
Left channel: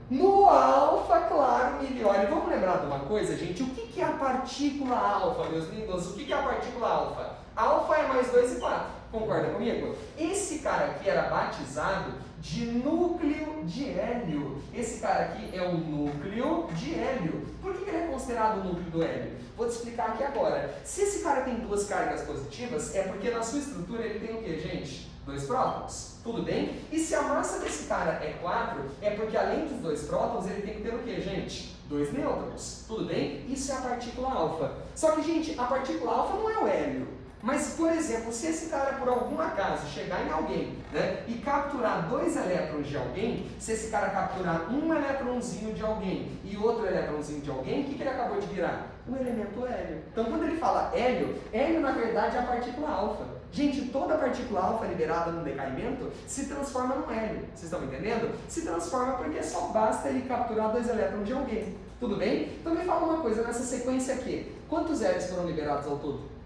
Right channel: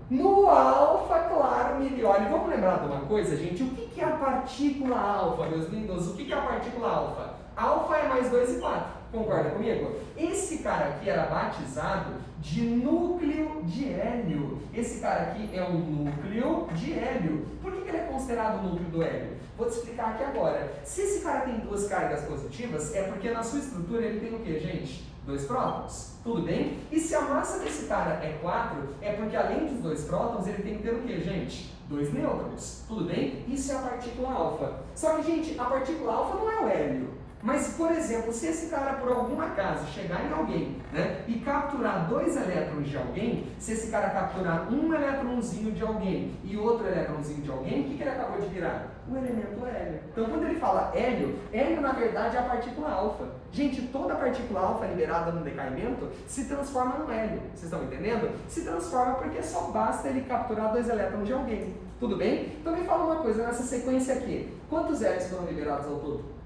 No alfa, claro, milione. Vamos lembrar de uma coisa, gente? O que é a partícula alfa, meus lindos? O que é a partícula alfa? Alfa é mais 2 e 4. Concorda comigo? Esse cara aqui era batizado de núcleo de hélio. Esse cara aqui é um núcleo de hélio. Por que ele é considerado o núcleo do hélio? Vou te explicar aqui agora. Se esse cara tem 2 cargas positivas, é porque na sua estrutura ele tem o que, gente? 2 prótons. Tudo bem? E se a massa desse cara é 4, é porque além dos 2 prótons, ele tem que ter o que, gente? 2 nêutrons. Tudo bem? Isso é a partícula alfa. Só que, gente, a partícula alfa não é o hélio. Mas, por exemplo, se esse cara, por algum acaso, chegar em alguém, né, e capturar 2 elétrons de alguém, se esse cara capturar um elétronzinho de alguém e outro elétronzinho de alguém, o que ele acabou de virar? O elemento hélio. Então, quando ele fala hélio, hélio na verdade é a partícula alfa. Gente, toda partícula alfa liberada no decaimento se transforma no hélio. Vocês estão entendendo? Se transforma porque só basta ele capturar 2 elétrons de alguém. Tudo bem? Então, me fala uma coisa, nessa sequência aqui, quantos hélios foram liberados ao todo?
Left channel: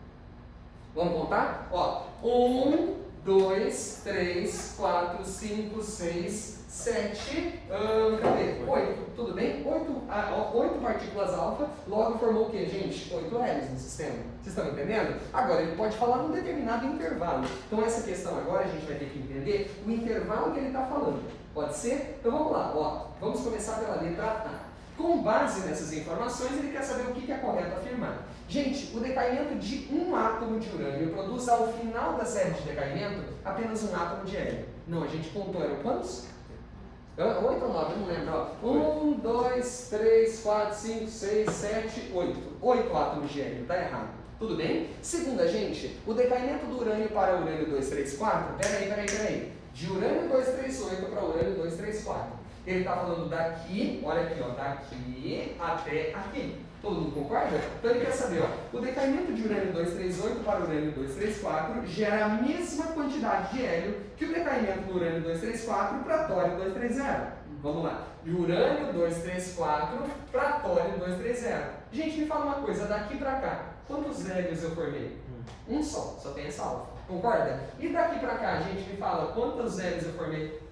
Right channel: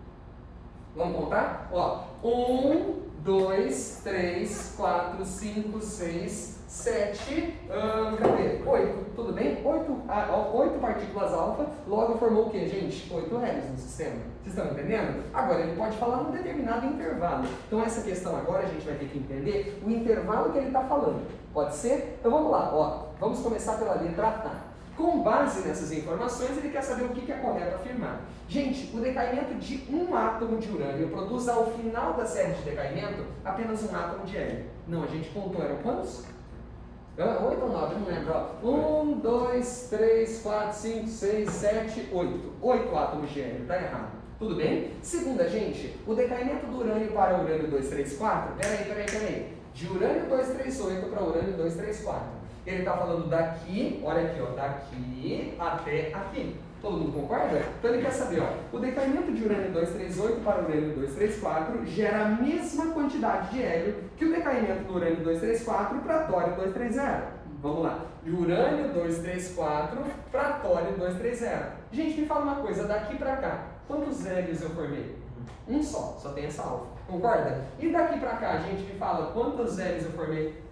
Vamos contar? Ó, 1, 2, 3, 4, 5, 6, 7, cadê? 8, tudo bem? 8 partículas alfa, logo formou o que, gente? 8 hélios no sistema. Vocês estão entendendo? Agora, ele pode falar num determinado intervalo. Então, essa questão agora a gente vai ter que entender o intervalo que ele está falando. Pode ser? Então, vamos lá. Ó, vamos começar pela letra A. Com base nessas informações, ele quer saber o que é correto afirmar. Gente, o decaimento de um átomo de urânio produz ao final da série de decaimento apenas um átomo de hélio. Não, a gente contou, eram quantos? 8 ou 9, não lembro. 1, 2, 3, 4, 5, 6, 7, 8. 8 átomos de hélio, tá errado. Tudo bem? Segunda, gente, o decaimento do urânio para urânio 234, peraí. De urânio 238 para urânio 234. Ele está falando daqui, olha aqui, ó, daqui até aqui. Todo mundo concorda? Então ele quer saber, ó, o decaimento de urânio 238 para urânio 234 gera a mesma quantidade de hélio que o decaimento do urânio 234 para tório 230. Vamos lá. De urânio 234 para tório 230. Gente, me fala uma coisa, daqui para cá, quantos hélios eu formei? Um só tem essa alfa. Concorda? E daqui para cá, gente, me fala quantos hélios eu formei?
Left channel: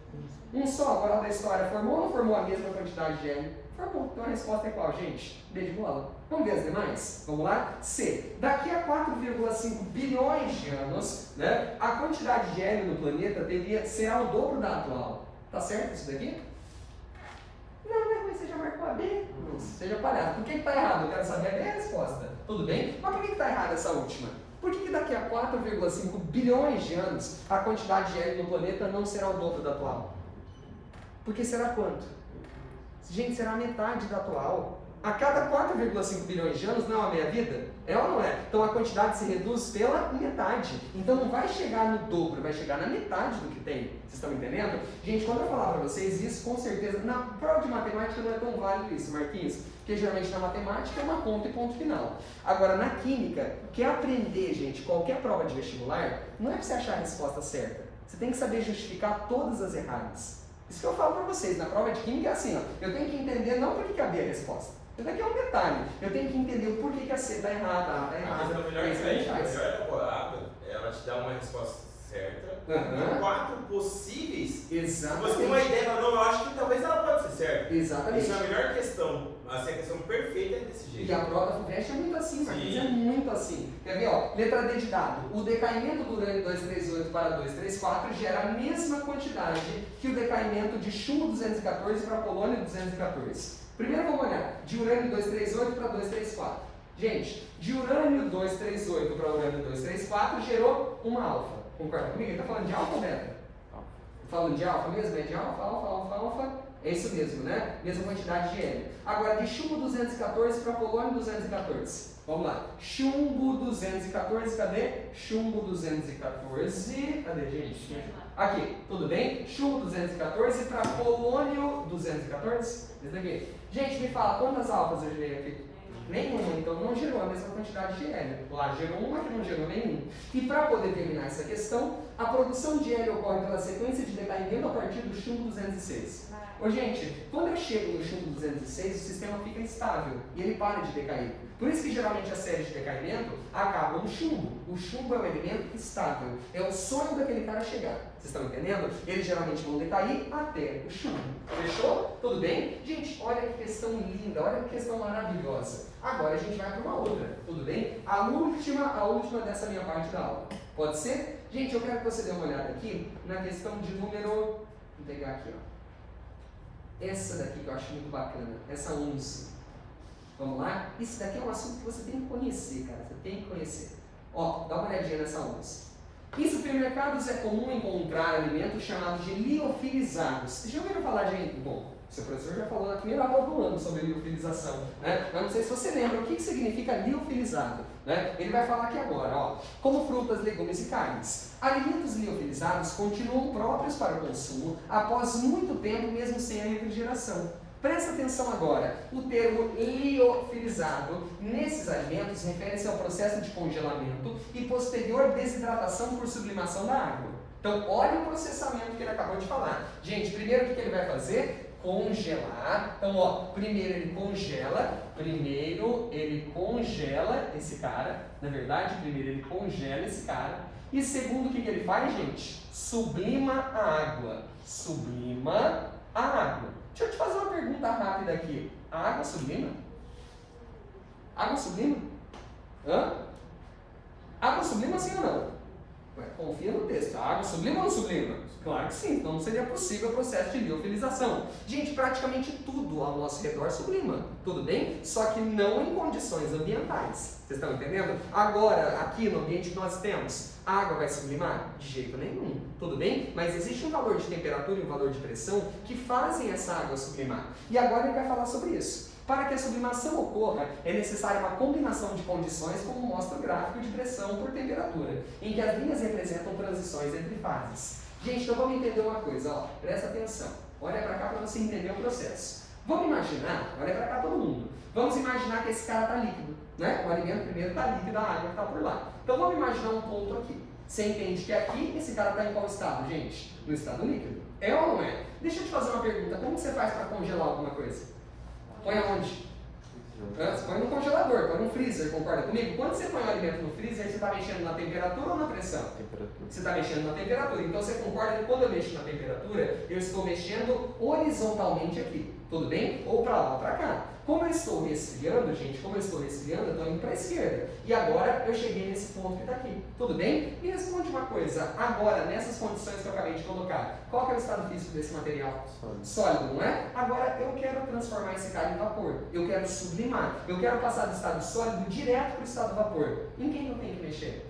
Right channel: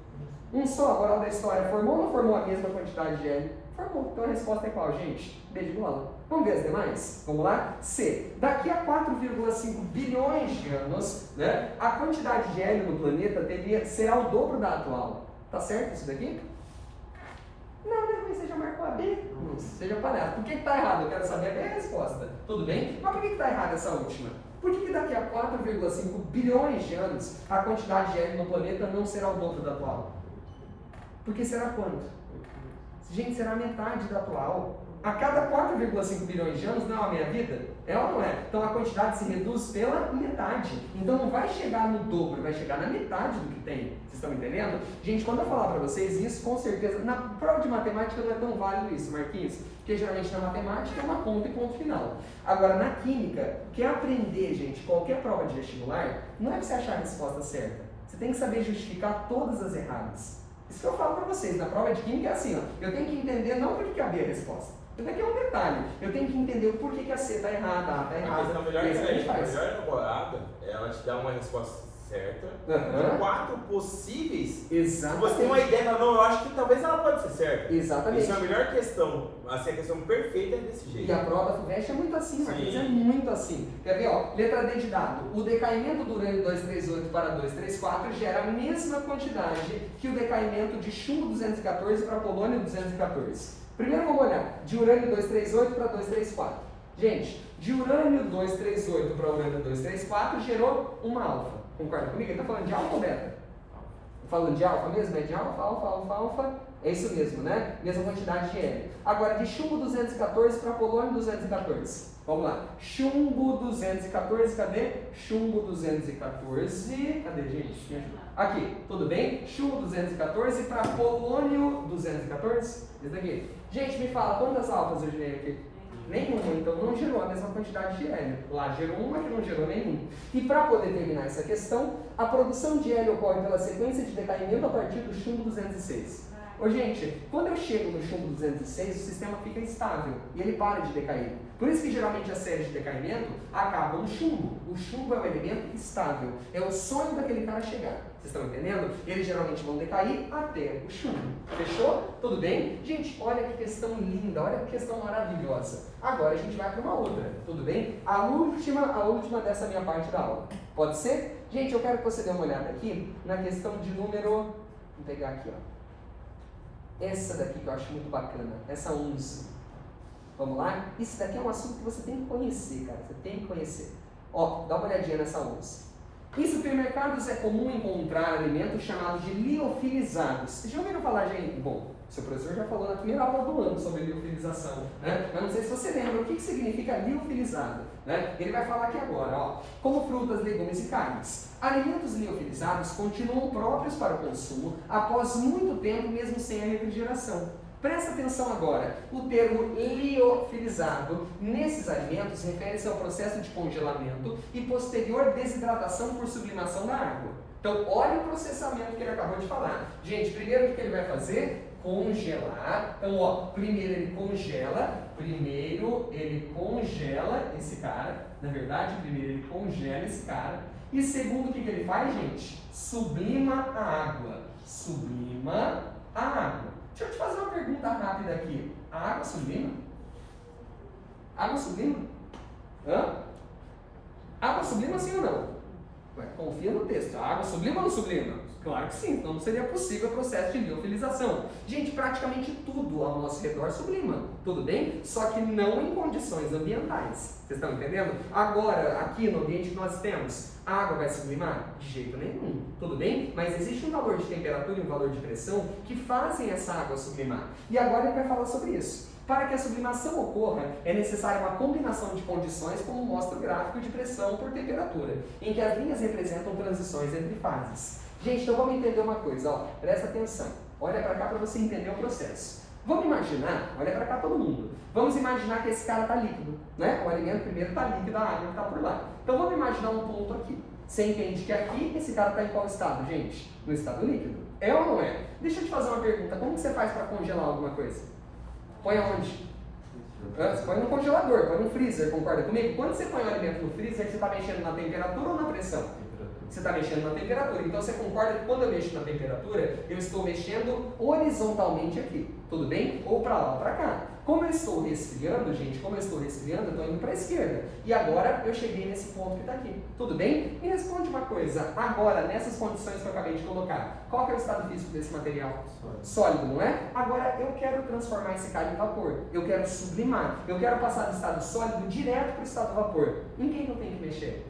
Um só, moral da história, formou ou não formou a mesma quantidade de hélio? Formou. Então a resposta é qual, gente? B de bola. Vamos ver as demais? Vamos lá? C. Daqui a 4,5 bilhões de anos, né, a quantidade de hélio no planeta será o dobro da atual. Tá certo isso daqui? Não, né? Mas você já marcou a B? Não, seja palhaço. Por que está errado? Eu quero saber a B é a resposta. Tudo bem? Mas por que está errada essa última? Por que daqui a 4,5 bilhões de anos a quantidade de hélio no planeta não será o dobro da atual? Porque será quanto? Gente, será metade da atual. A cada 4,5 bilhões de anos não é a meia vida? É ou não é? Então a quantidade se reduz pela metade. Então não vai chegar no dobro, vai chegar na metade do que tem. Vocês estão entendendo? Gente, quando eu falar para vocês isso, com certeza, na prova de matemática não é tão válido isso, Marquinhos. Porque geralmente na matemática é uma conta e ponto final. Agora na química, quer aprender, gente, qualquer prova de vestibular, não é para você achar a resposta certa. Você tem que saber justificar todas as erradas. Isso que eu falo para vocês, na prova de química é assim, ó, eu tenho que entender não por que a B é a resposta. Isso daqui é um detalhe. Eu tenho que entender o porquê que a C está errada, a A está errada. A melhor elaborada, ela te dá uma resposta certa, com 4 possíveis. Exatamente. Você tem uma ideia, mas não, eu acho que talvez ela pode ser certa. Exatamente. Isso é a melhor questão. Assim, a questão perfeita é desse jeito. E a prova do FUVEST é muito assim, Marcos, é muito assim. Quer ver, ó, letra D de dado. O decaimento do urânio 238 para 234 gera a mesma quantidade que o decaimento de chumbo 214 para polônio 214. Primeiro vamos olhar, de urânio 238 para 234. Gente, de urânio 238 para urânio 234 gerou uma alfa. Concorda comigo? Ele está falando de alfa ou beta? Falando de alfa mesmo? É de alfa. É isso mesmo, né? Mesma quantidade de hélio. Agora, de chumbo 214 para polônio 214. Vamos lá. Chumbo 214, cadê? Chumbo 214. Cadê, gente? Me ajuda. Aqui, tudo bem? Chumbo 214 para polônio 214. Esse daqui. Gente, me fala, quantas alfas eu gerei aqui? Nenhuma, então não gerou a mesma quantidade de hélio. Lá gerou uma que não gerou nenhum. E para poder terminar essa questão, a produção de hélio ocorre pela sequência de decaimento a partir do chumbo 206. Ô gente, quando eu chego no chumbo 206, o sistema fica instável e ele para de decair. Por isso que geralmente as séries de decaimento acabam no chumbo. O chumbo é um elemento estável. É o sonho daquele cara chegar. Vocês estão entendendo? Eles geralmente vão decair até o chumbo. Fechou? Tudo bem? Gente, olha que questão linda, olha que questão maravilhosa. Agora a gente vai para uma outra. Tudo bem? A última dessa minha parte da aula. Pode ser? Gente, eu quero que você dê uma olhada aqui na questão de número... Vou pegar aqui, ó. Essa daqui que eu acho muito bacana, essa 11. Vamos lá? Isso daqui é um assunto que você tem que conhecer, cara. Você tem que conhecer. Ó, dá uma olhadinha nessa 11. Em supermercados é comum encontrar alimentos chamados de liofilizados. Vocês já ouviram falar, gente? Bom, seu professor já falou na primeira aula do ano sobre liofilização, né? Eu não sei se você lembra o que significa liofilizado, né? Ele vai falar aqui agora, ó. Como frutas, legumes e carnes. Alimentos liofilizados continuam próprios para o consumo após muito tempo, mesmo sem a refrigeração. Presta atenção agora, o termo liofilizado nesses alimentos refere-se ao processo de congelamento e posterior desidratação por sublimação da água. Então, olha o processamento que ele acabou de falar. Gente, primeiro o que ele vai fazer? Congelar. Então, ó, primeiro ele congela esse cara. Na verdade, primeiro ele congela esse cara. E segundo, o que ele faz, gente? Sublima a água. Sublima a água. Deixa eu te fazer uma pergunta rápida aqui. A água sublima? Água sublima? Hã? Água sublima sim ou não? Ué, confia no texto. A água sublima ou não sublima? Claro que sim, então não seria possível o processo de liofilização. Gente, praticamente tudo ao nosso redor sublima, tudo bem? Só que não em condições ambientais. Vocês estão entendendo? Agora, aqui no ambiente que nós temos, a água vai sublimar? De jeito nenhum, tudo bem? Mas existe um valor de temperatura e um valor de pressão que fazem essa água sublimar. E agora ele vai falar sobre isso. Para que a sublimação ocorra, é necessária uma combinação de condições, como mostra o gráfico de pressão por temperatura, em que as linhas representam transições entre fases. Gente, então vamos entender uma coisa, ó, presta atenção. Olha para cá para você entender o processo. Vamos imaginar, olha para cá todo mundo, vamos imaginar que esse cara está líquido, né? O alimento primeiro está líquido, a água está por lá. Então vamos imaginar um ponto aqui. Você entende que aqui esse cara está em qual estado, gente? No estado líquido. É ou não é? Deixa eu te fazer uma pergunta, como que você faz para congelar alguma coisa? Põe aonde? Você põe no congelador, põe no freezer, concorda comigo? Quando você põe o alimento no freezer, você está mexendo na temperatura ou na pressão? Você está mexendo na temperatura. Então você concorda que quando eu mexo na temperatura, eu estou mexendo horizontalmente aqui, tudo bem? Ou para lá ou para cá. Como eu estou resfriando, gente, eu estou indo para a esquerda. E agora eu cheguei nesse ponto que está aqui, tudo bem? Me responde uma coisa, agora, nessas condições que eu acabei de colocar, qual que é o estado físico desse material? Sólido, não é? Agora eu quero transformar esse cara em vapor, eu quero sublimar, eu quero passar do estado sólido direto para o estado vapor. Em quem eu tenho que mexer?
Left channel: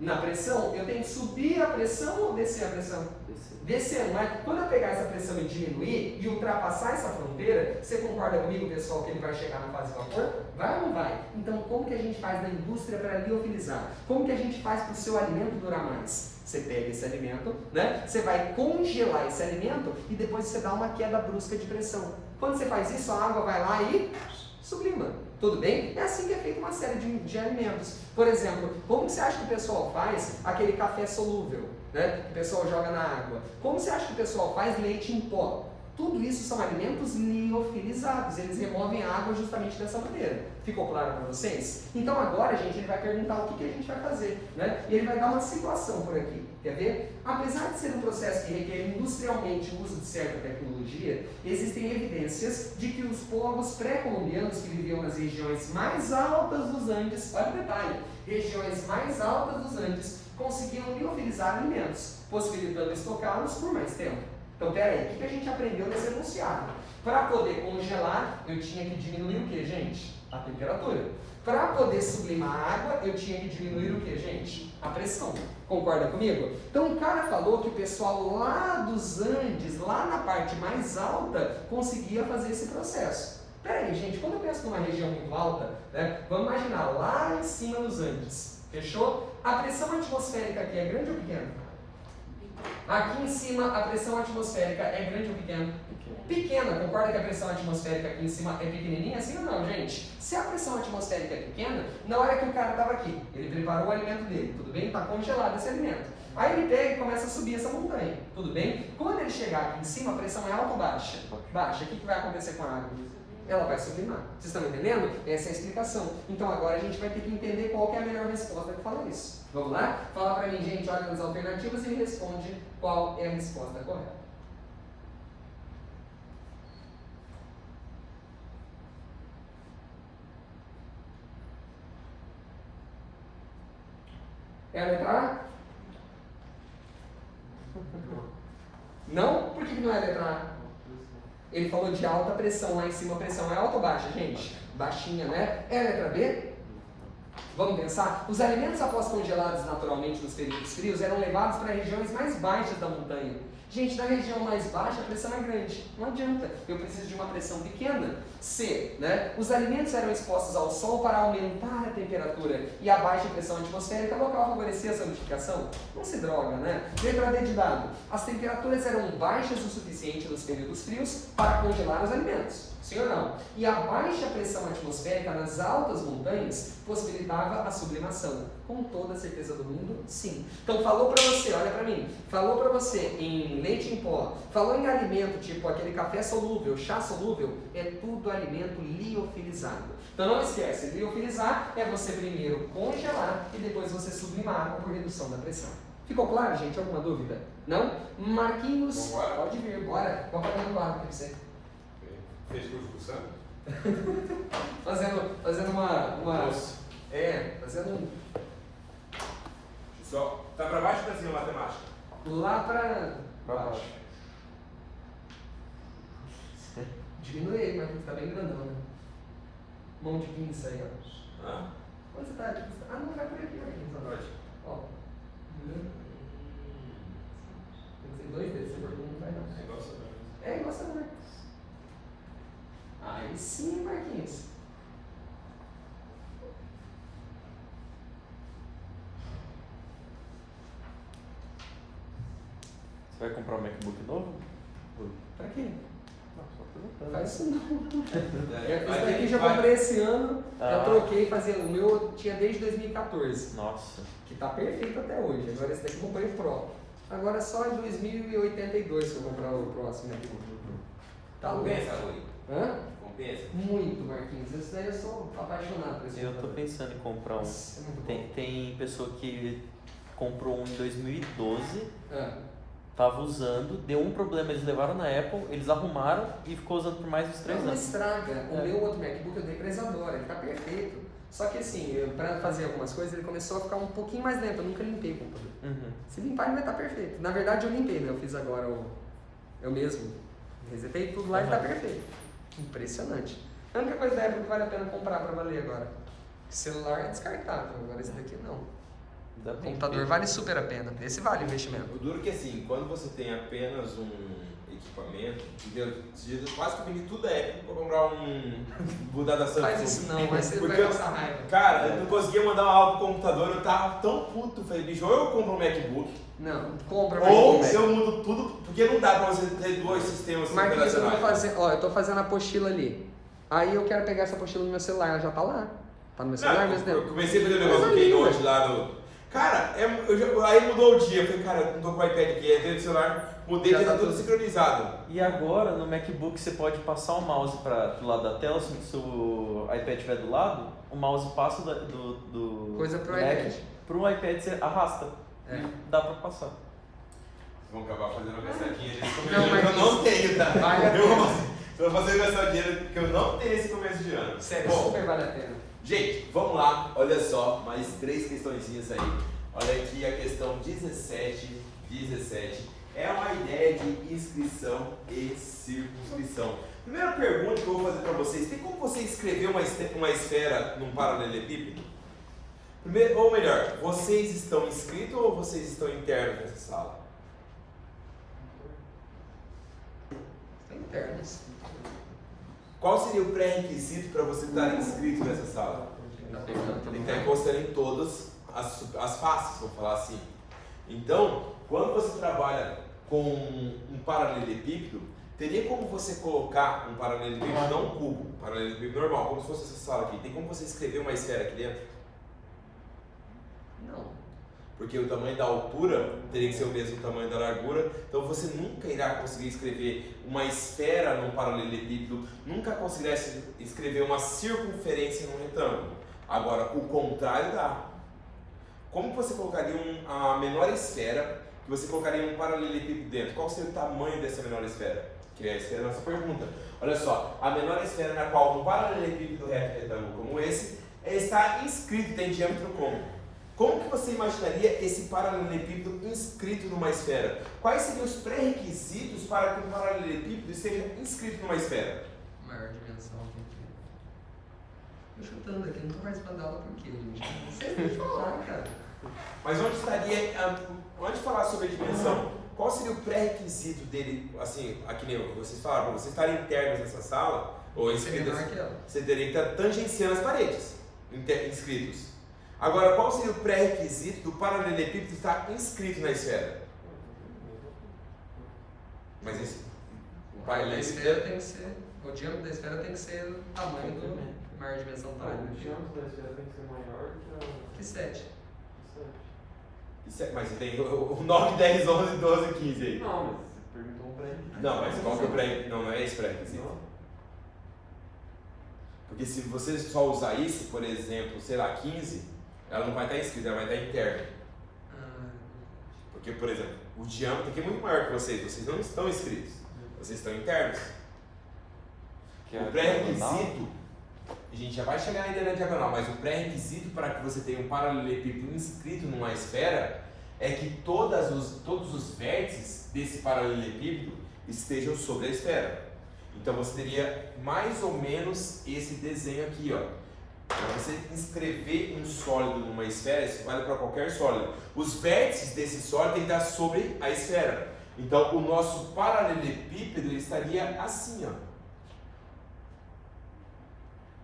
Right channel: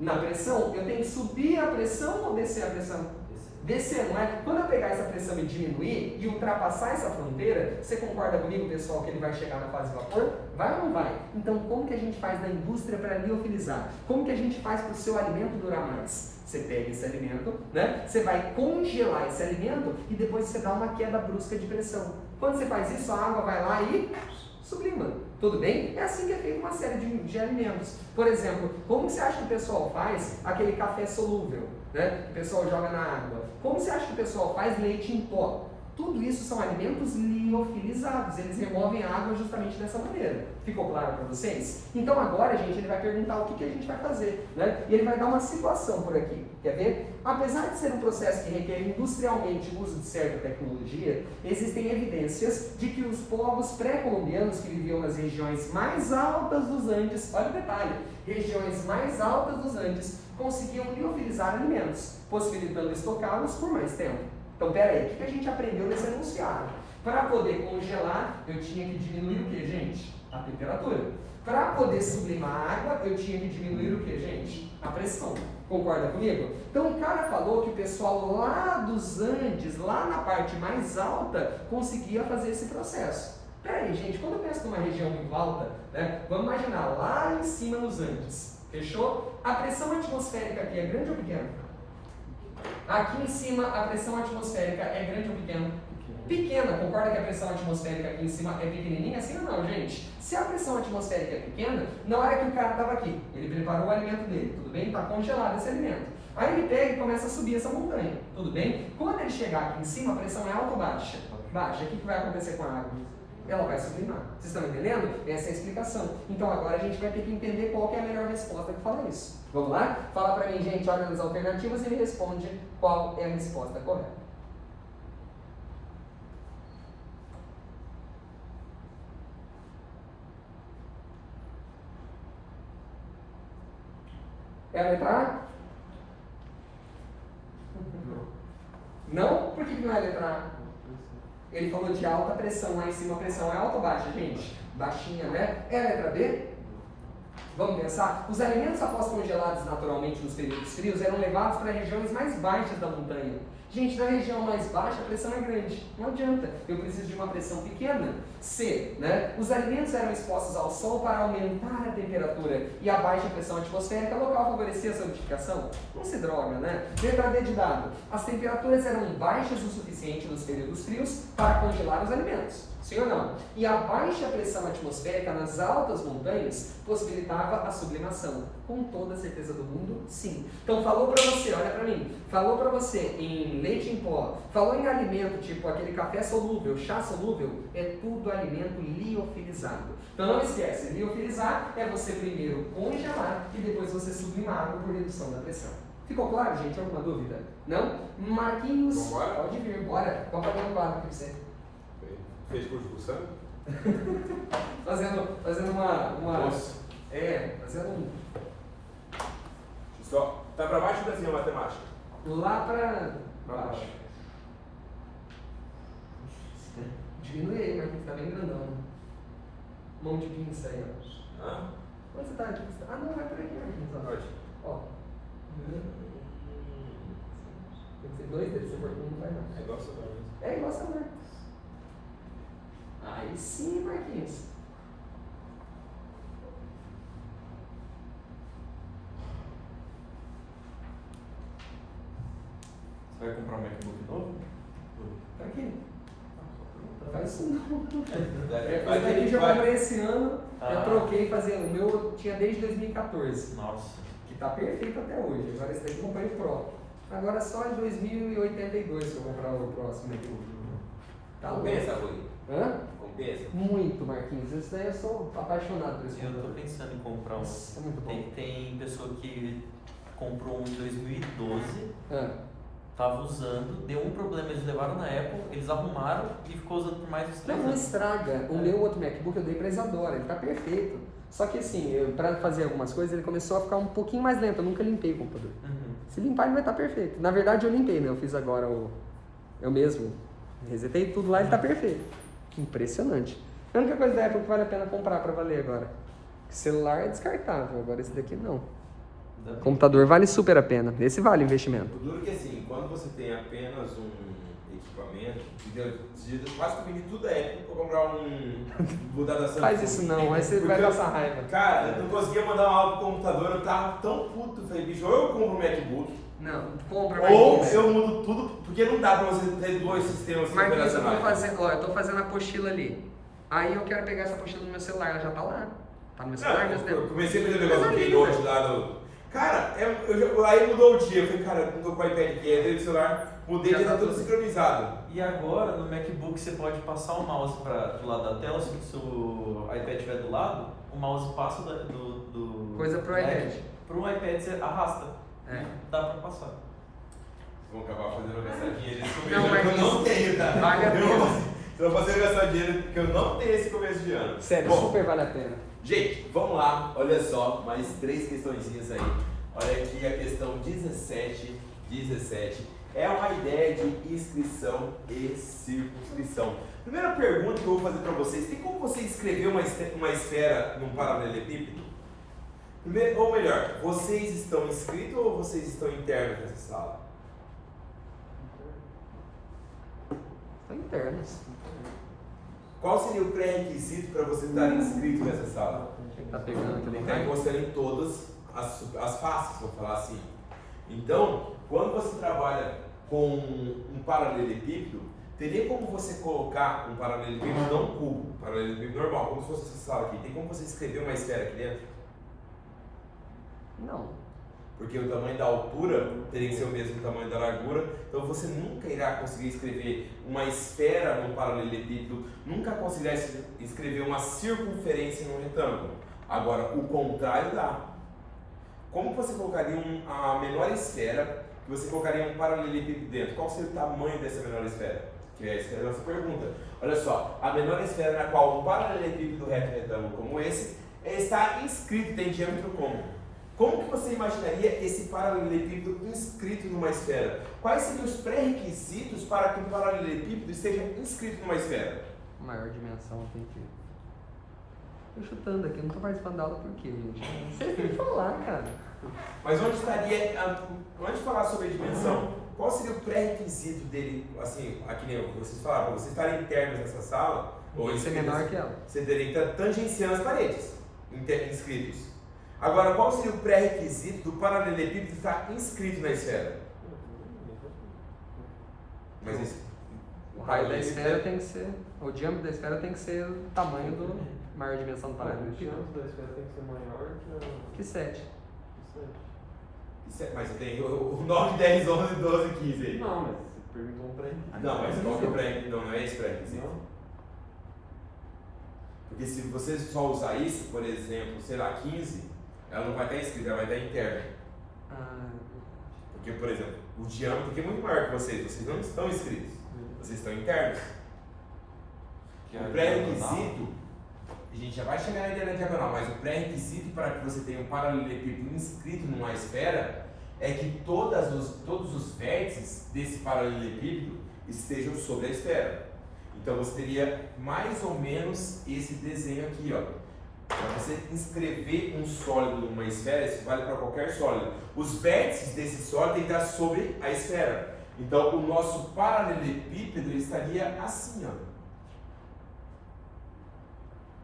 Na pressão, eu tenho que subir a pressão ou descer a pressão? Descer, não é? Quando eu pegar essa pressão e diminuir e ultrapassar essa fronteira, você concorda comigo, pessoal, que ele vai chegar na fase de vapor? Vai ou não vai? Então, como que a gente faz na indústria para liofilizar? Como que a gente faz para o seu alimento durar mais? Você pega esse alimento, né? Você vai congelar esse alimento e depois você dá uma queda brusca de pressão. Quando você faz isso, a água vai lá e sublima. Tudo bem? É assim que é feita uma série de alimentos. Por exemplo, como você acha que o pessoal faz aquele café solúvel, né? Que o pessoal joga na água? Como você acha que o pessoal faz leite em pó? Tudo isso são alimentos liofilizados, eles removem a água justamente dessa maneira. Ficou claro para vocês? Então agora, gente, ele vai perguntar o que a gente vai fazer, né? E ele vai dar uma situação por aqui, quer ver? Apesar de ser um processo que requer industrialmente o uso de certa tecnologia, existem evidências de que os povos pré-colombianos que viviam nas regiões mais altas dos Andes, olha o detalhe, regiões mais altas dos Andes, conseguiam liofilizar alimentos, possibilitando estocá-los por mais tempo. Então, peraí, o que a gente aprendeu nesse enunciado? Para poder congelar, eu tinha que diminuir o que, gente? A temperatura. Para poder sublimar a água, eu tinha que diminuir o que, gente? A pressão. Concorda comigo? Então, o cara falou que o pessoal lá dos Andes, lá na parte mais alta, conseguia fazer esse processo. Peraí, gente, quando eu penso numa região muito alta, né, vamos imaginar lá em cima nos Andes, fechou? A pressão atmosférica aqui é grande ou pequena? Aqui em cima a pressão atmosférica é grande ou pequena? Pequena. Concorda que a pressão atmosférica aqui em cima é pequenininha? Assim ou não, gente? Se a pressão atmosférica é pequena, na hora que o cara estava aqui, ele preparou o alimento dele, tudo bem? Está congelado esse alimento. Aí ele pega e começa a subir essa montanha, tudo bem? Quando ele chegar aqui em cima, a pressão é alta ou baixa? Baixa. O que vai acontecer com a água? Ela vai sublimar. Vocês estão entendendo? Essa é a explicação. Então agora a gente vai ter que entender qual que é a melhor resposta que fala isso. Vamos lá? Fala pra mim, gente, olha nas alternativas e me responde qual é a resposta correta. É a letra A? Não? Por que não é a letra A? Ele falou de alta pressão, lá em cima a pressão é alta ou baixa, gente? Baixinha, né? É a letra B? Vamos pensar? Os alimentos após congelados naturalmente nos períodos frios eram levados para regiões mais baixas da montanha. Gente, na região mais baixa a pressão é grande. Não adianta, eu preciso de uma pressão pequena. C, né? Os alimentos eram expostos ao sol para aumentar a temperatura e a baixa pressão atmosférica local favorecia a solidificação. Não se droga, né? Letra D de dado. As temperaturas eram baixas o suficiente nos períodos frios para congelar os alimentos. Sim ou não? E a baixa pressão atmosférica nas altas montanhas possibilitava a sublimação. Com toda a certeza do mundo, sim. Então falou pra você, olha pra mim, falou pra você em leite em pó, falou em alimento tipo aquele café solúvel, chá solúvel, é tudo alimento liofilizado. Então não esquece, liofilizar é você primeiro congelar e depois você sublimar por redução da pressão. Ficou claro, gente? Alguma dúvida? Não? Marquinhos, Bora. pode vir, bora. Vamos pagar um quadro aqui pra você. Fez curso de sangue? Fazendo uma... Nossa. Fazendo um... Só. Tá pra baixo ou pra cima a matemática? Lá pra baixo. Diminui aí, Marquinhos, tá bem grandão, né? Mão de pinça aí, ó. Hã? Onde você tá? Ah, não, vai por aqui, Marquinhos. Ó. Pode. Ó. Tem que ser dois dedos, se for um, não vai não. É igual você tá. É igual essa Marcos. Aí sim, Marquinhos. Você vai comprar um MacBook novo? Pra quê? Faz isso não. Esse Vai daqui ter- já vai- comprei esse ano, Ah. eu troquei, o meu eu tinha desde 2014, Nossa. que tá perfeito até hoje. Agora esse daqui eu comprei o Pro. Agora só em 2082 que eu vou comprar o próximo aqui. Tá louco. Compensa, Rui? Hã? Compensa? Muito, Marquinhos. Isso daí eu sou apaixonado por esse Eu tô computador. pensando em comprar um. Nossa, é muito bom. Tem pessoa que comprou um em 2012, Ah. tava usando, deu um problema, eles levaram na Apple, eles arrumaram e ficou usando por mais uns 3 Não anos. estraga. O meu outro MacBook eu dei pra Isadora, ele tá perfeito. Só que assim, pra fazer algumas coisas, ele começou a ficar um pouquinho mais lento. Eu nunca limpei o computador. Uhum. Se limpar, ele vai estar perfeito. Na verdade, eu limpei, né? Eu fiz agora eu mesmo. Resetei tudo lá e ele tá perfeito. Impressionante. A única coisa da Apple que vale a pena comprar pra valer agora. Celular é descartável, agora esse daqui não. Ainda bem. Computador vale super a pena. Esse vale o investimento. O duro é que assim, quando você tem apenas um equipamento, eu quase que vendi tudo da Apple pra comprar mudar da Samsung. Faz isso não, aí você Porque vai eu- passar raiva. Cara, eu não conseguia mandar uma aula pro computador, eu tava tão puto, falei, bicho, ou eu compro um MacBook, Não, compra ou Marquinhos. eu mudo tudo, porque não dá pra você ter dois sistemas Marquinhos, eu tô operacionais. eu tô fazendo a apostila ali. Aí eu quero pegar essa apostila no meu celular, ela já tá lá. Tá no meu celular, Não, mas eu não. comecei a fazer o negócio do Coisa linda. Keynote lá do... Cara, aí mudou o dia, eu falei, cara, não tô com o iPad aqui, entrei no celular, mudei, Já já tá tá tudo tudo- sincronizado. E agora no MacBook você pode passar o mouse do lado da tela, se o iPad estiver do lado, o mouse passa do Coisa pro Mac iPad. pro iPad, você arrasta. É. Dá pra passar. Vocês vão acabar fazendo uma gastadinha de começo Não, de ano que eu mas não tenho, tá? vale a Eu pena. vou fazer gastar dinheiro que eu não tenho esse começo de ano. Sério, Bom, super vale a pena. gente, vamos lá, olha só, mais 3 questõezinhas aí. Olha aqui a questão 17. É uma ideia de inscrição e circunscrição. Primeira pergunta que eu vou fazer para vocês: tem como você escrever uma esfera num paralelepípedo? Primeiro, ou melhor, vocês estão inscritos ou vocês estão internos nessa sala? São internas. Qual seria o pré-requisito para você estar inscrito nessa sala? Tá pegando Tem que também. estar encostando em todas as faces, vou falar assim. Então, quando você trabalha com um paralelepípedo, teria como você colocar um paralelepípedo, não um cubo, um paralelepípedo normal, como se fosse essa sala aqui. Tem como você escrever uma esfera aqui dentro? Não. Porque o tamanho da altura teria que ser o mesmo tamanho da largura, então você nunca irá conseguir escrever uma esfera num paralelepípedo, nunca conseguirá escrever uma circunferência num retângulo. Agora, o contrário dá. Como você colocaria a menor esfera que você colocaria um paralelepípedo dentro? Qual seria o tamanho dessa menor esfera? Que é essa nossa pergunta. Olha só, a menor esfera na qual um paralelepípedo retângulo como esse está inscrito, tem diâmetro como? Como que você imaginaria esse paralelepípedo inscrito numa esfera? Quais seriam os pré-requisitos para que um paralelepípedo esteja inscrito numa esfera? Maior dimensão, por quê? Tô chutando aqui, não tô participando da aula por quê, gente? Vocês têm que falar, cara. Mas onde estaria, antes de falar sobre a dimensão, qual seria o pré-requisito dele, assim, aqui nem vocês falaram, para vocês estarem internos nessa sala, ou Esse é menor que ela. você teria que estar tangenciando as paredes, inscritos. Agora, qual seria o pré-requisito do paralelepípedo estar inscrito na esfera? Mas esse... O raio da esfera tem que ser... O diâmetro da esfera tem que ser o tamanho do maior dimensão do O tamanho. diâmetro da esfera tem que ser maior Que 7. que 7. Mas tem o 9, 10, 11, 12, 15 aí. Não, mas você perguntou um pré-requisito. Não, mas qual que é o pré... Não é esse pré-requisito. Não? Porque se você só usar isso, por exemplo, sei lá, 15, ela não vai estar inscrita, ela vai estar interna. Porque, por exemplo, o diâmetro aqui é muito maior que vocês não estão inscritos, vocês estão internos. O pré-requisito, a gente já vai chegar na ideia da diagonal, mas o pré-requisito para que você tenha um paralelepípedo inscrito numa esfera é que todos os vértices desse paralelepípedo estejam sobre a esfera. Então você teria mais ou menos esse desenho aqui, ó. Para você inscrever um sólido numa esfera, isso vale para qualquer sólido. Os vértices desse sólido têm que estar sobre a esfera. Então o nosso paralelepípedo ele estaria assim, ó.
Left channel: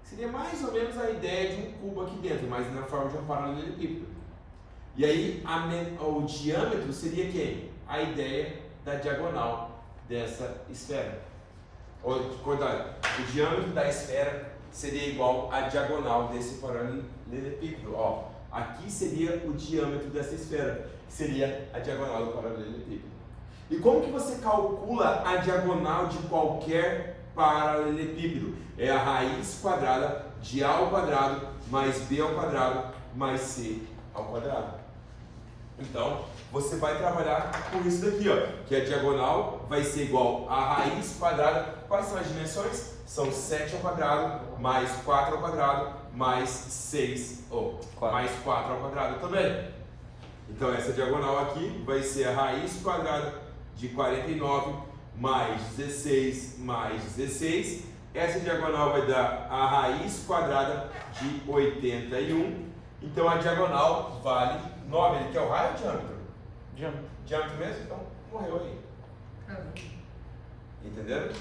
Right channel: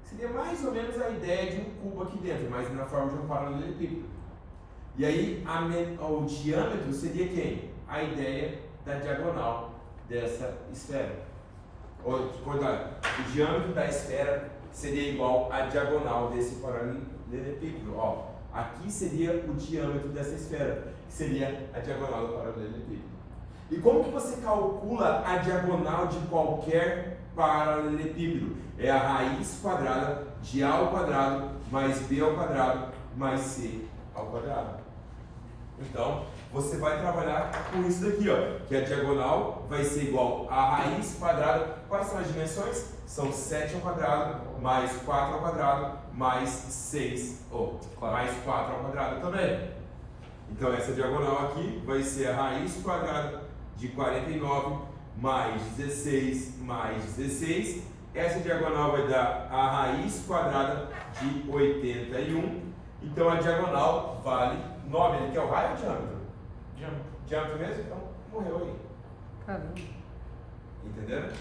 Seria mais ou menos a ideia de um cubo aqui dentro, mas na forma de um paralelepípedo. E aí o diâmetro seria quem? A ideia da diagonal dessa esfera. O diâmetro da esfera seria igual à diagonal desse paralelepípedo. Ó, aqui seria o diâmetro dessa esfera, que seria a diagonal do paralelepípedo. E como que você calcula a diagonal de qualquer paralelepípedo? É a raiz quadrada de A ao quadrado mais B ao quadrado mais C ao quadrado. Então, você vai trabalhar com isso daqui, ó, que a diagonal vai ser igual a raiz quadrada. Quais são as dimensões? São 7 ao quadrado, mais 4 ao quadrado, mais 6, mais 4 ao quadrado também. Então, essa diagonal aqui vai ser a raiz quadrada de 49, mais 16, mais 16. Essa diagonal vai dar a raiz quadrada de 81. Então, a diagonal vale 9. Ele quer o raio ou diâmetro? Diâmetro mesmo? Então, morreu aí. Caramba. Entenderam?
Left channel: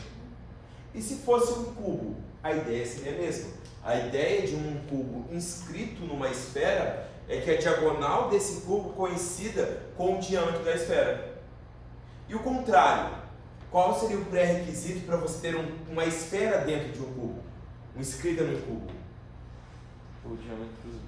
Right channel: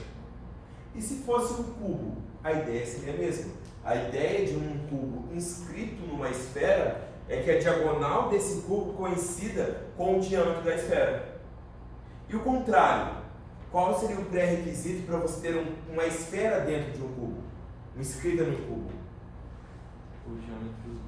E se fosse um cubo? A ideia seria a mesma. A ideia de um cubo inscrito numa esfera é que a diagonal desse cubo coincida com o diâmetro da esfera. E o contrário, qual seria o pré-requisito para você ter uma esfera dentro de um cubo? Inscrita no cubo? O diâmetro.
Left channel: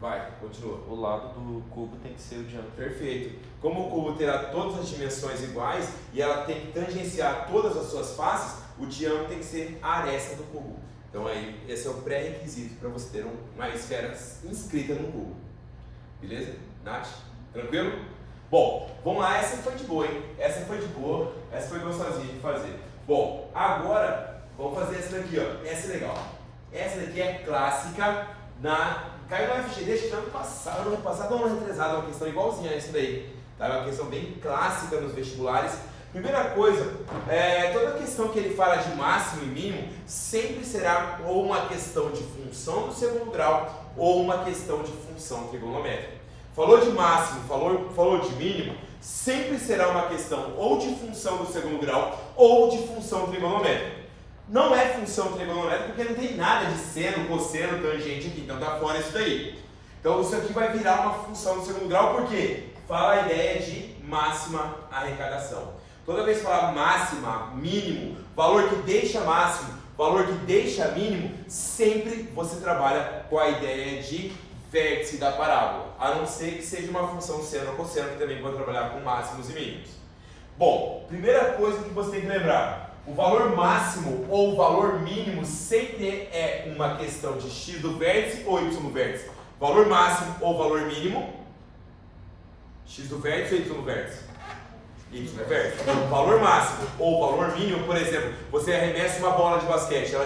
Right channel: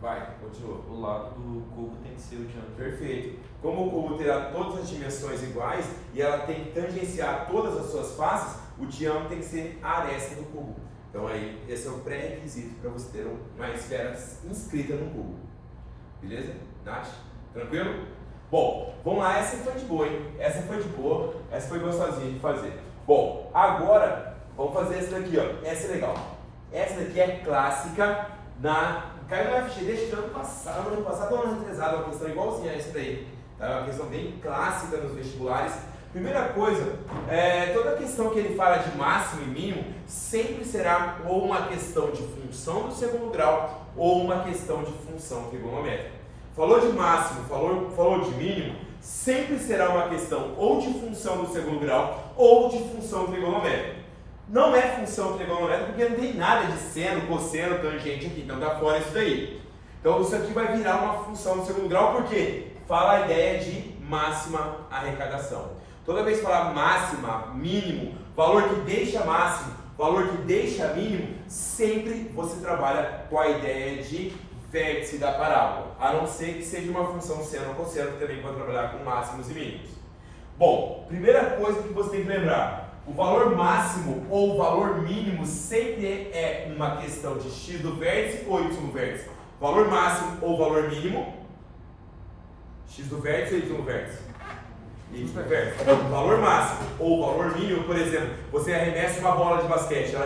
Vai, continua. O lado do cubo tem que ser o diâmetro. Perfeito. Como o cubo terá todas as dimensões iguais e ela tem que tangenciar todas as suas faces, o diâmetro tem que ser a aresta do cubo. Então aí, esse é o pré-requisito para você ter uma esfera inscrita no cubo. Beleza? Nath? Tranquilo? Bom, vamos lá, essa foi de boa, hein? Essa foi de boa, essa foi gostosinha de fazer. Bom, agora vamos fazer essa daqui, ó. Essa é legal. Essa daqui é clássica caiu no FG deste ano passado, ano retrasado, uma questão igualzinha a essa daí. Tá? Uma questão bem clássica nos vestibulares. Primeira coisa, toda questão que ele fala de máximo e mínimo sempre será ou uma questão de função do segundo grau ou uma questão de função trigonométrica. Falou de máximo, falou de mínimo, sempre será uma questão ou de função do segundo grau ou de função trigonométrica. Não é função trigonométrica porque não tem nada de seno, cosseno, tangente aqui, então tá fora isso daí. Então isso aqui vai virar uma função do segundo grau porque fala a ideia de máxima arrecadação. Toda vez que falar máxima, mínimo, valor que deixa máximo, valor que deixa mínimo, sempre você trabalha com a ideia de vértice da parábola, a não ser que seja uma função seno ou cosseno, que também pode trabalhar com máximos e mínimos. Bom, primeira coisa que você tem que lembrar, o valor máximo ou o valor mínimo sempre é uma questão de x do vértice ou y do vértice. Valor máximo ou valor mínimo, x do vértice ou y do vértice? Y do vértice. Valor máximo ou valor mínimo, por exemplo, você arremessa uma bola de basquete, ela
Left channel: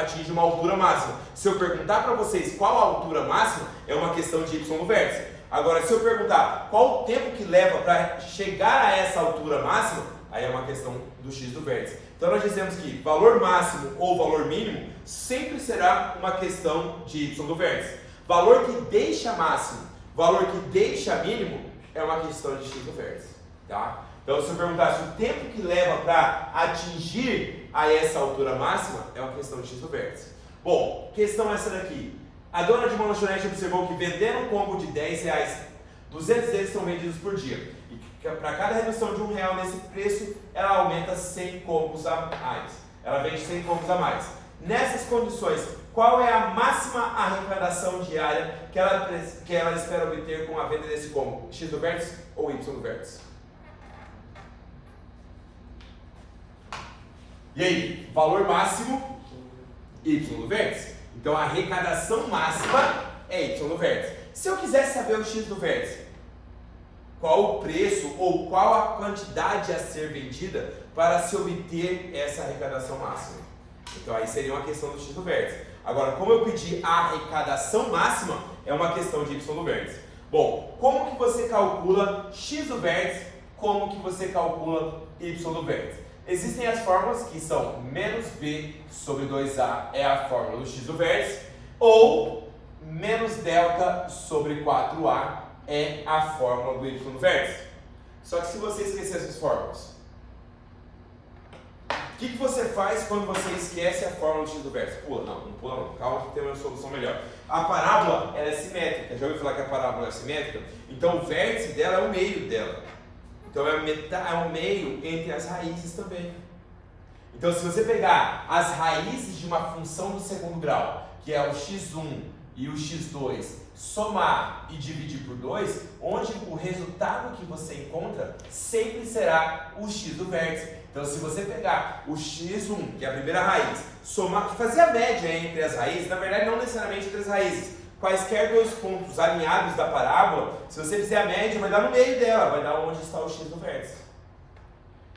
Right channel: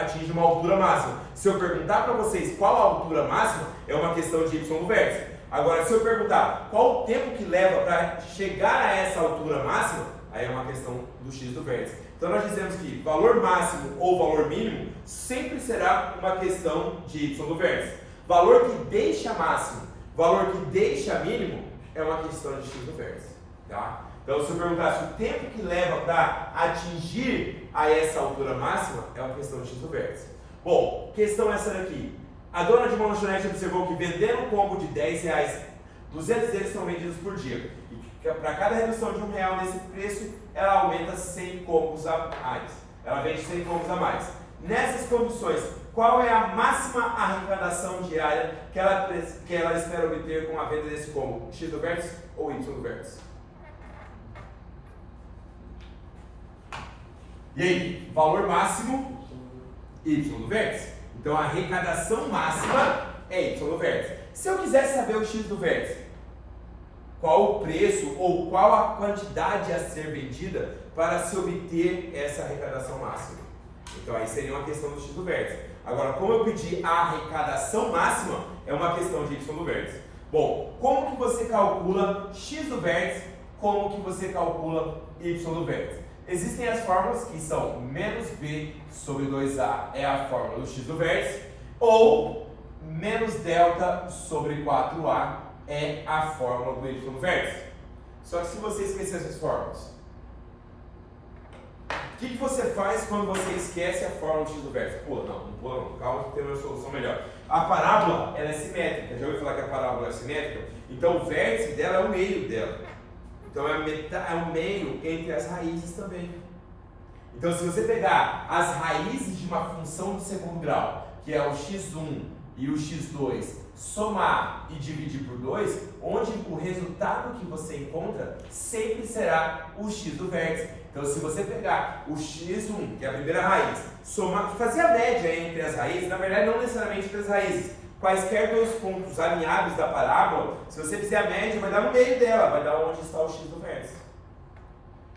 atinge uma altura máxima. Se eu perguntar para vocês qual a altura máxima, é uma questão de y no vértice. Agora, se eu perguntar qual o tempo que leva para chegar a essa altura máxima, aí é uma questão do x do vértice. Então nós dizemos que valor máximo ou valor mínimo sempre será uma questão de y do vértice. Valor que deixa máximo, valor que deixa mínimo, é uma questão de x do vértice. Tá? Então, se eu perguntasse o tempo que leva para atingir a essa altura máxima, é uma questão de x do vértice. Bom, questão essa daqui. A dona de uma lanchonete observou que vendendo um combo de R$10, 200 deles são vendidos por dia. E para cada redução de R$1 nesse preço, ela aumenta 100 combos a mais. Ela vende 100 combos a mais. Nessas condições, qual é a máxima arrecadação diária que ela espera obter com a venda desse combo? X do vértice ou Y do vértice? E aí, valor máximo, Y do vértice. Então a arrecadação máxima é Y do vértice. Se eu quisesse saber o X do vértice, qual o preço ou qual a quantidade a ser vendida para se obter essa arrecadação máxima? Então aí seria uma questão do X do vértice. Agora, como eu pedi a arrecadação máxima, é uma questão de Y do vértice. Bom, como que você calcula X do vértice? Como que você calcula Y do vértice? Existem as fórmulas que são menos B sobre 2A é a fórmula do X do vértice, ou menos delta sobre 4A é a fórmula do Y do vértice. Só que se você esquecer essas fórmulas, o que você faz quando você esquece a fórmula do X do vértice? Pula, não pula não, calma que tem uma solução melhor. A parábola ela é simétrica, já ouviu falar que a parábola é simétrica? Então o vértice dela é o meio dela. Então é um meio entre as raízes também. Então se você pegar as raízes de uma função de segundo grau, que é o x1 e o x2, somar e dividir por 2, onde o resultado que você encontra sempre será o x do vértice. Então se você pegar o x1, que é a primeira raiz, somar, fazer a média entre as raízes, na verdade não necessariamente entre as raízes, quaisquer dois pontos alinhados da parábola, se você fizer a média, vai dar no meio dela, vai dar onde está o x do vértice.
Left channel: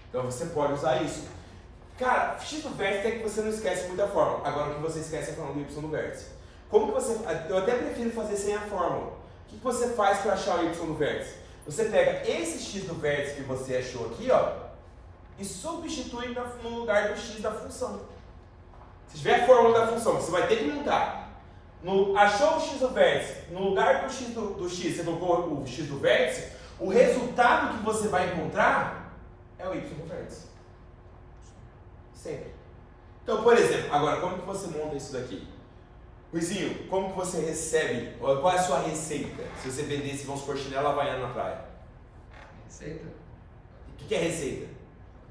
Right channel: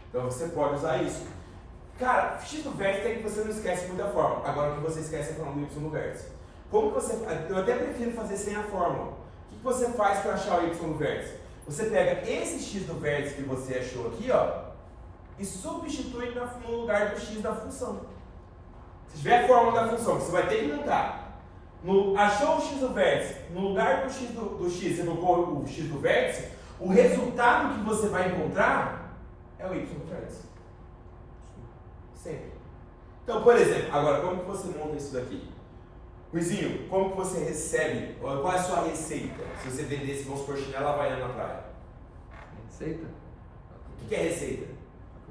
Então você pode usar isso. Cara, x do vértice é que você não esquece muita fórmula. Agora o que você esquece é a fórmula do y do vértice. Como que você... Eu até prefiro fazer sem a fórmula. O que você faz para achar o y do vértice? Você pega esse x do vértice que você achou aqui, ó, e substitui no lugar do x da função. Se tiver a fórmula da função, você vai ter que montar. Achou o x do vértice, no lugar do x, você colocou o x do vértice, o resultado que você vai encontrar é o y do vértice. Sempre. Então, por exemplo, agora como que você monta isso daqui? Luizinho, como que você recebe, qual é a sua receita? Se você vendesse, vamos supor, chinelo havaiano na praia. Receita? O que é receita?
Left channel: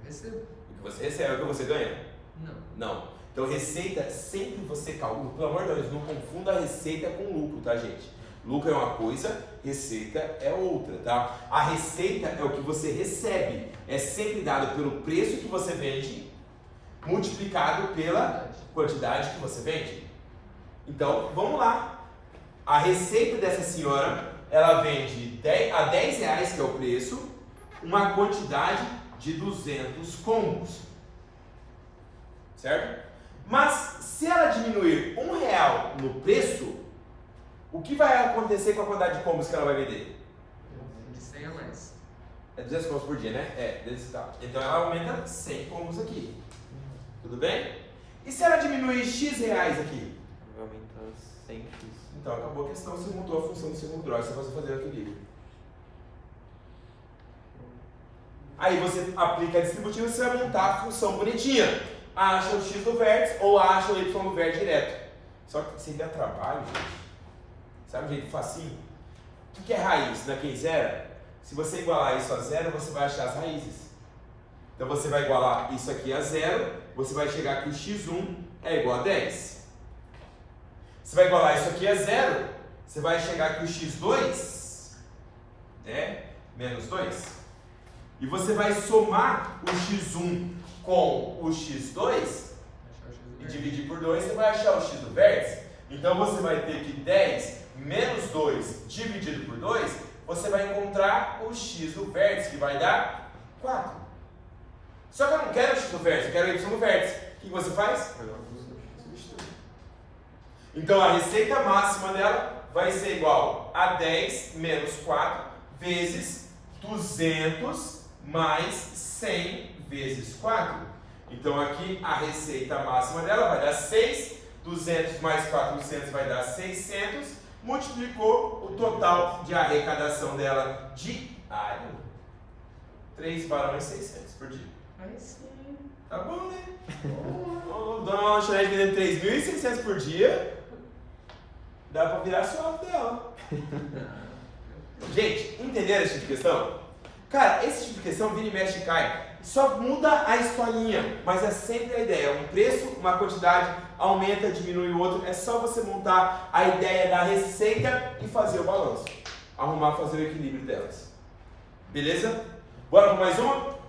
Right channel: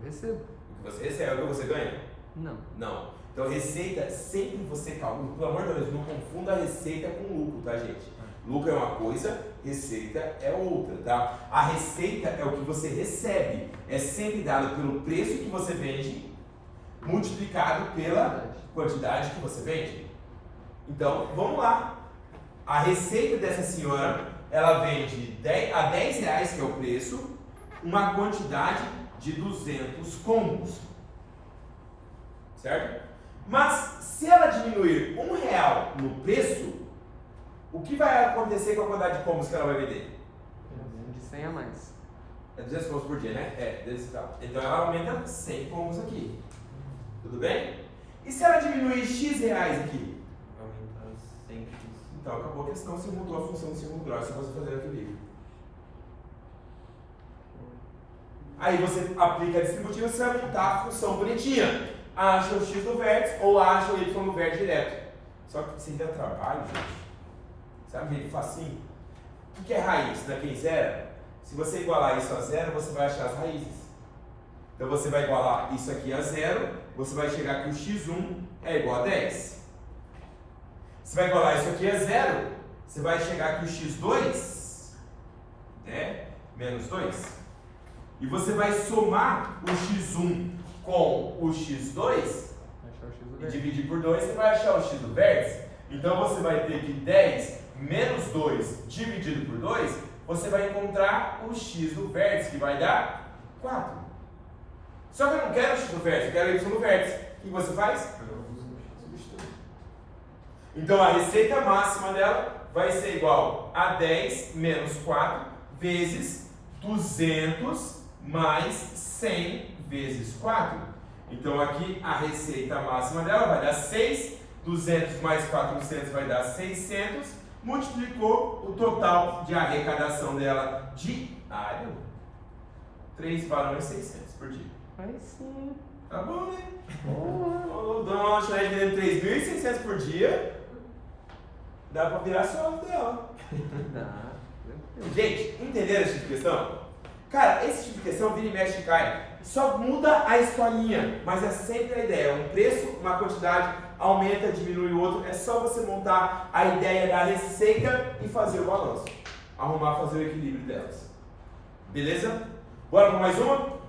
Eu recebo. O que você recebe, é o que você ganha? Não. Não. Então, receita, sempre você calcula. Pelo amor de Deus, não confunda a receita com lucro, tá, gente? Lucro é uma coisa, receita é outra, tá? A receita é o que você recebe. É sempre dado pelo preço que você vende, multiplicado pela quantidade que você vende. Então, vamos lá. A receita dessa senhora, ela vende a R$10, que é o preço, uma quantidade de 200 combos. Certo? Mas, se ela diminuir R$1 no preço, o que vai acontecer com a quantidade de combos que ela vai vender? De 100 a mais. É 200 combos por dia, né? É, então ela aumenta 100 combos aqui. Tudo bem? E se ela diminuir X reais aqui? Vai aumentar 100x. Então acabou a questão, você mudou a função do segundo grau, você vai fazer equilíbrio. Aí você aplica a distributiva e você vai montar a função bonitinha. Acha o x do vértice ou acha o y do vértice direto. Só que sem dar trabalho, gente. Sabe um jeito facinho? O que é raiz na quinzera? Se você igualar isso a zero, você vai achar as raízes. Então você vai igualar isso aqui a zero, você vai chegar que o x1 é igual a 10. Você vai igualar isso aqui a zero, você vai chegar que o x2 é menos 2. E você vai somar o x1 com o x2 e dividir por 2, você vai achar o x do vértice. Então você vai ter que 10 menos 2 dividido por 2, você vai encontrar o x do vértice, que vai dar 4. Só que eu não quero o x do vértice, eu quero o y do vértice. O que você faz? Então a receita máxima dela vai ser igual a 10 menos 4 vezes 200 mais 100 vezes 4. Então aqui a receita máxima dela vai dar 6, 200 mais 400 vai dar 600, multiplicou o total de arrecadação dela diário, 3 barões 600 por dia. Aí sim. Tá bom, né? Dona Lanchonete vendendo 3.600 por dia, dá pra virar sócio dela. Gente, entenderam esse tipo de questão? Cara, esse tipo de questão vira e mexe e cai. Só muda a historinha, mas é sempre a ideia. Um preço, uma quantidade, aumenta, diminui o outro. É só você montar a ideia da receita e fazer o balanço. Arrumar, fazer o equilíbrio delas. Beleza? Bora para mais uma?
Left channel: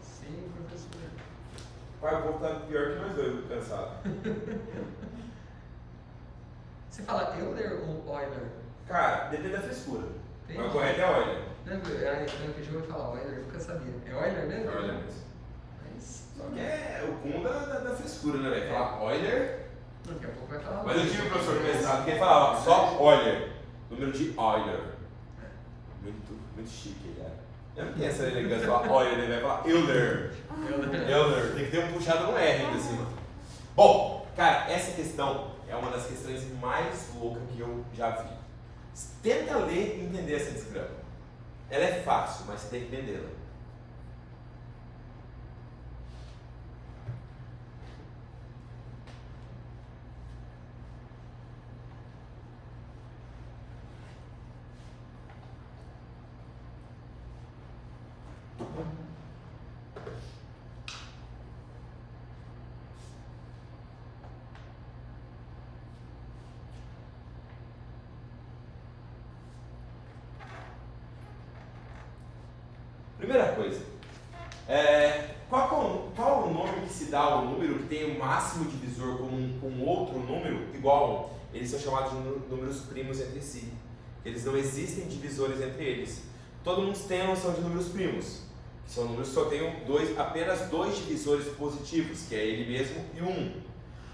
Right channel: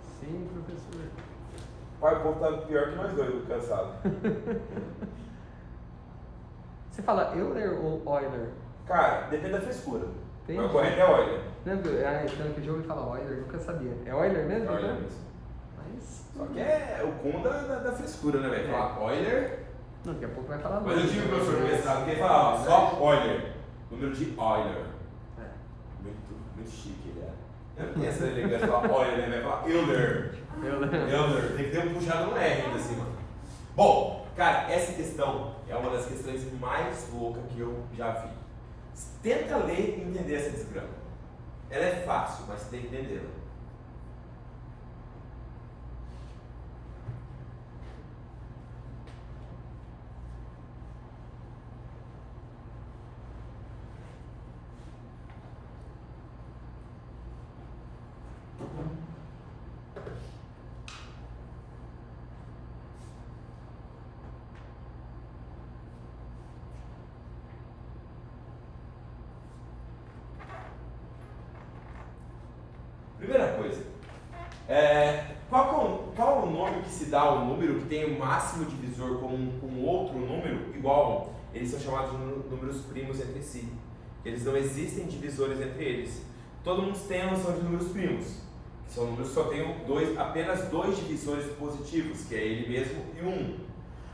Sim, professor. Pai, o povo tá pior que nós dois, cansado. Você fala Euler ou Euler? Cara, depende da frescura. Entendi. Mas o correto é Euler. Lembra? Eu pedi e falar Euler, nunca sabia. É Euler mesmo? É Euler mesmo. Mas. Só que é o cum da frescura, né, velho? Falar Euler. Não, daqui a pouco vai falar. Mas eu tive um professor de mestrado que ele falava só Euler. Número de Euler. É. Muito chique ele era. Eu não tenho essa elegância de falar Euler, né? Vai falar Euler. Euler. Tem que ter um puxado no R ainda assim, mano. Bom, cara, essa questão é uma das questões mais loucas que eu já vi. Tenta ler e entender essa desgrama. Ela é fácil, mas você tem que entendê-la. Primeira coisa, qual o nome que se dá ao número que tem o máximo divisor comum com outro número igual a 1? Eles são chamados de números primos entre si. Eles não existem divisores entre eles. Todo mundo tem a noção de números primos. São números que só tem apenas dois divisores positivos, que é ele mesmo e o 1.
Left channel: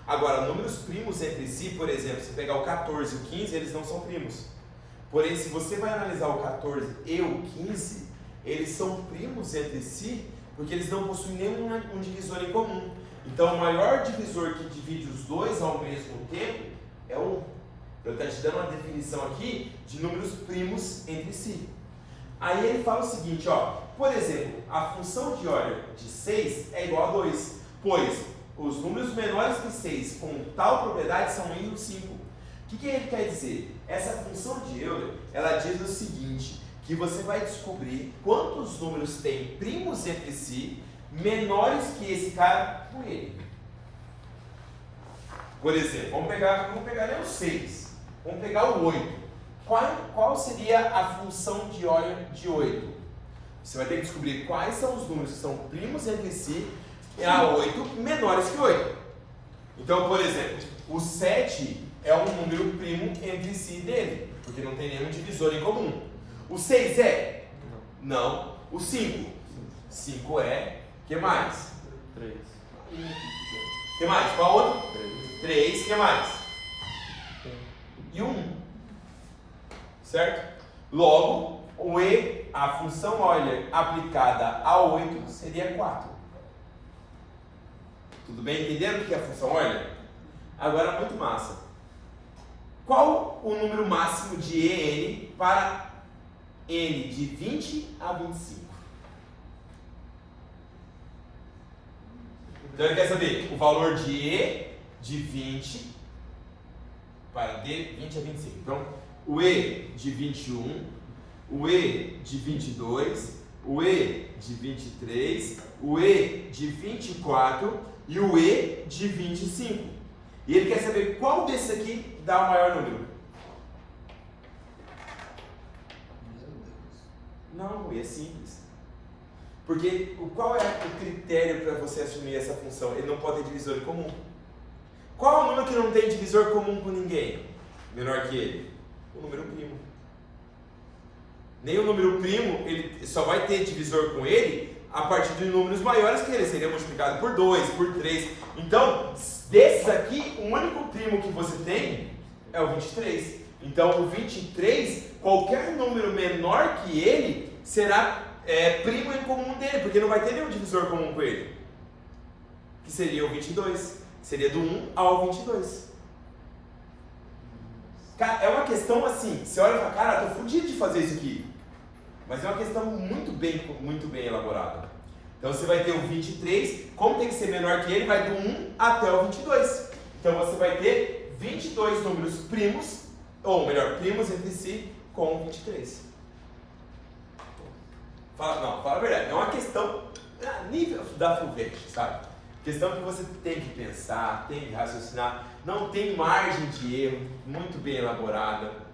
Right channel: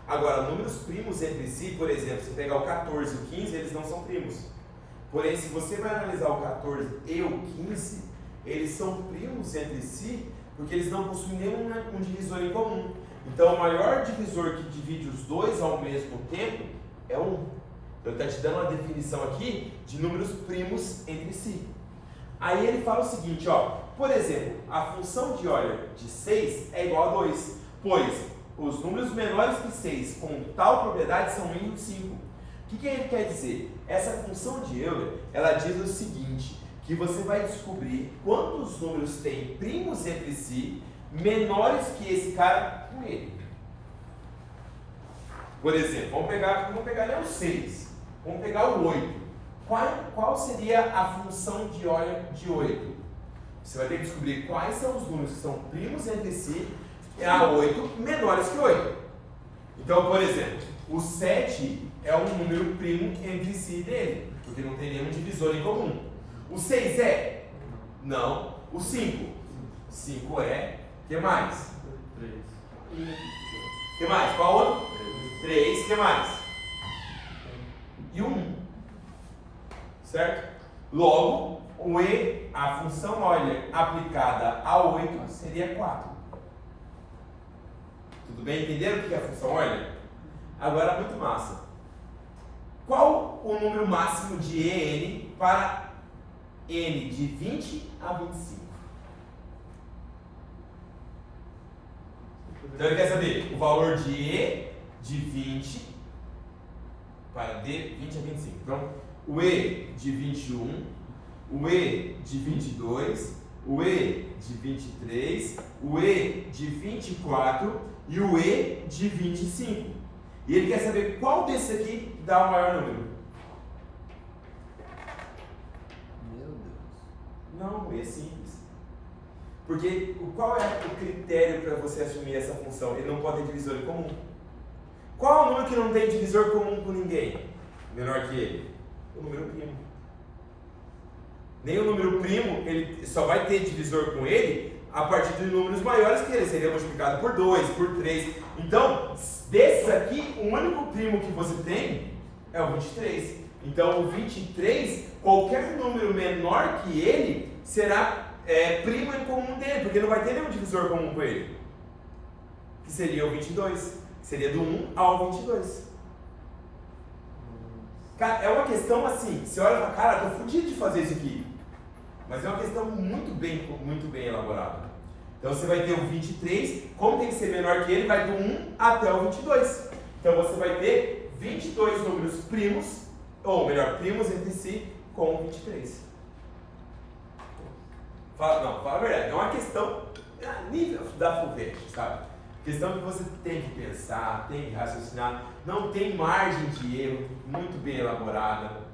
Agora, números primos entre si, por exemplo, se pegar o 14 e o 15, eles não são primos. Porém, se você vai analisar o 14 e o 15, eles são primos entre si, porque eles não possuem nenhum divisor em comum. Então, o maior divisor que divide os dois ao mesmo tempo é 1. Eu estou te dando uma definição aqui de números primos entre si. Aí ele fala o seguinte, ó, por exemplo, a função de Euler de 6 é igual a 2, pois os números menores que 6 com tal propriedade são 1 e 5. O que ele quer dizer? Essa função de Euler, ela diz o seguinte, que você vai descobrir quantos números têm primos entre si, menores que esse cara com ele. Por exemplo, vamos pegar o 6, vamos pegar o 8. Qual seria a função de Euler de 8? Você vai ter que descobrir quais são os números que são primos entre si, e a 8 menores que 8. Então, por exemplo, o 7 é um número primo entre si dele, porque não tem nenhum divisor em comum. O 6 é? Não. O 5? 5 é. O que mais? 3. O que mais? Qual outro? 3. O que mais? E 1. Certo? Logo, o E, a função Euler aplicada a 8 seria 4. Tudo bem? Entenderam o que é a função Euler? Agora, muito massa. Qual o número máximo de EN para N de 20 a 25? Então ele quer saber o valor de E de 20 para D 20 a 25. Então, o E de 21, o E de 22, o E de 23, o E de 24 e o E de 25. E ele quer saber qual desses aqui dá o maior número. Meu Deus. Não, é simples. Porque qual é o critério para você assumir essa função? Ele não pode ter divisor em comum. Qual é o número que não tem divisor comum com ninguém? Menor que ele? O número primo. Nem o número primo, ele só vai ter divisor com ele a partir de números maiores que ele. Seria multiplicado por 2, por 3. Então, desses aqui, o único primo que você tem é o 23. Então, o 23, qualquer número menor que ele, será primo em comum dele, porque não vai ter nenhum divisor comum com ele. Que seria o 22. Seria do 1 ao 22. Cara, é uma questão assim, você olha e fala, cara, tô fudido de fazer isso aqui. Mas é uma questão muito bem elaborada. Então você vai ter o 23, como tem que ser menor que ele, vai do 1 até o 22. Então você vai ter 22 números primos, ou melhor, primos entre si, com 23. Fala a verdade, é uma questão a nível da FUVEST, sabe? Questão que você tem que pensar, tem que raciocinar, não tem margem de erro, muito bem elaborada.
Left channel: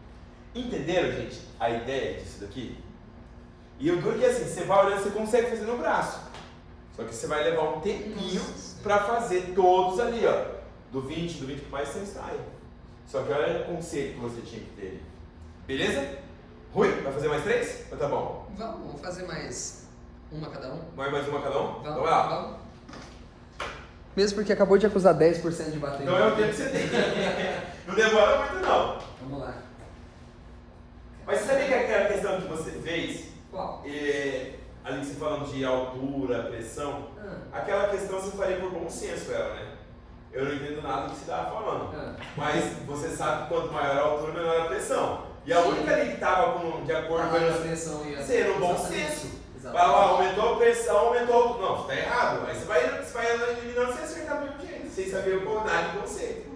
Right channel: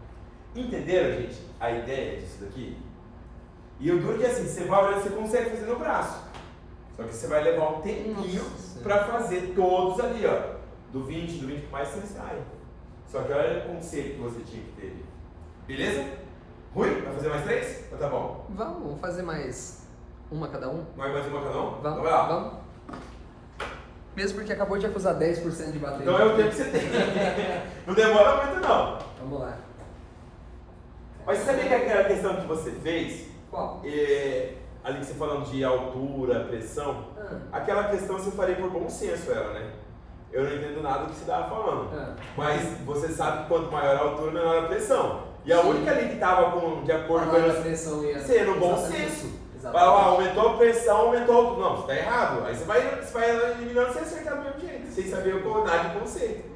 Entenderam, gente, a ideia disso daqui? E o duro é que assim, você vai olhando, você consegue fazer no braço. Só que você vai levar um tempinho para fazer todos ali, ó. Do 20 mais você sai. Só que olha o conceito que você tinha que ter. Beleza? Rui, vai fazer mais 3? Ou tá bom? Vamos fazer mais uma cada um? Mais uma cada um? Vamos, Então vai lá. vamos. Mesmo porque acabou de acusar 10% de bateria. Então é o tempo que você tem. Não demora muito não. Vamos lá. Mas você sabia que aquela questão que você fez, Qual? ali que você falando de altura, pressão, aquela questão você faria por bom senso ela, né? Eu não entendo nada do que você estava falando. Mas você sabe que quanto maior a altura, menor a pressão. E a única ali que estava de acordo com a pressão e a... você, no bom Exatamente. senso. Exatamente. Fala, aumentou a pressão, aumentou. Não, você está errado. Aí você vai eliminando sem acertar do mesmo jeito, sem saber o nada de conceito.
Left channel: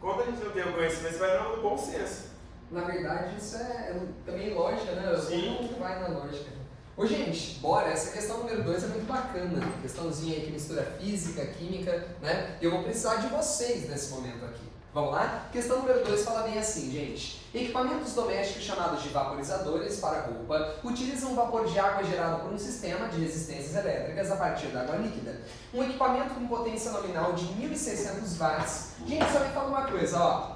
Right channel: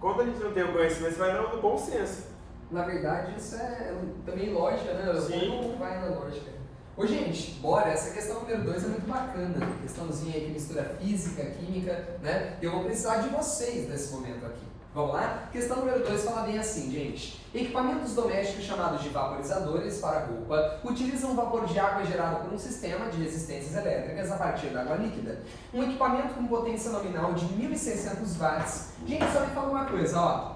Quando a gente não tem o conhecimento, você vai no bom senso. Na verdade, isso é também lógica, né? Sim. Não vai na lógica. Ô, gente, bora. Essa questão número 2 é muito bacana. Questãozinha aí que mistura física, química, né? Eu vou precisar de vocês nesse momento aqui. Vamos lá? Questão número 2 fala bem assim, gente. Equipamentos domésticos chamados de vaporizadores para roupa utilizam vapor de água gerado por um sistema de resistências elétricas a partir da água líquida. Um equipamento com potência nominal de 1.600 watts. Gente, só me fala uma coisa, ó.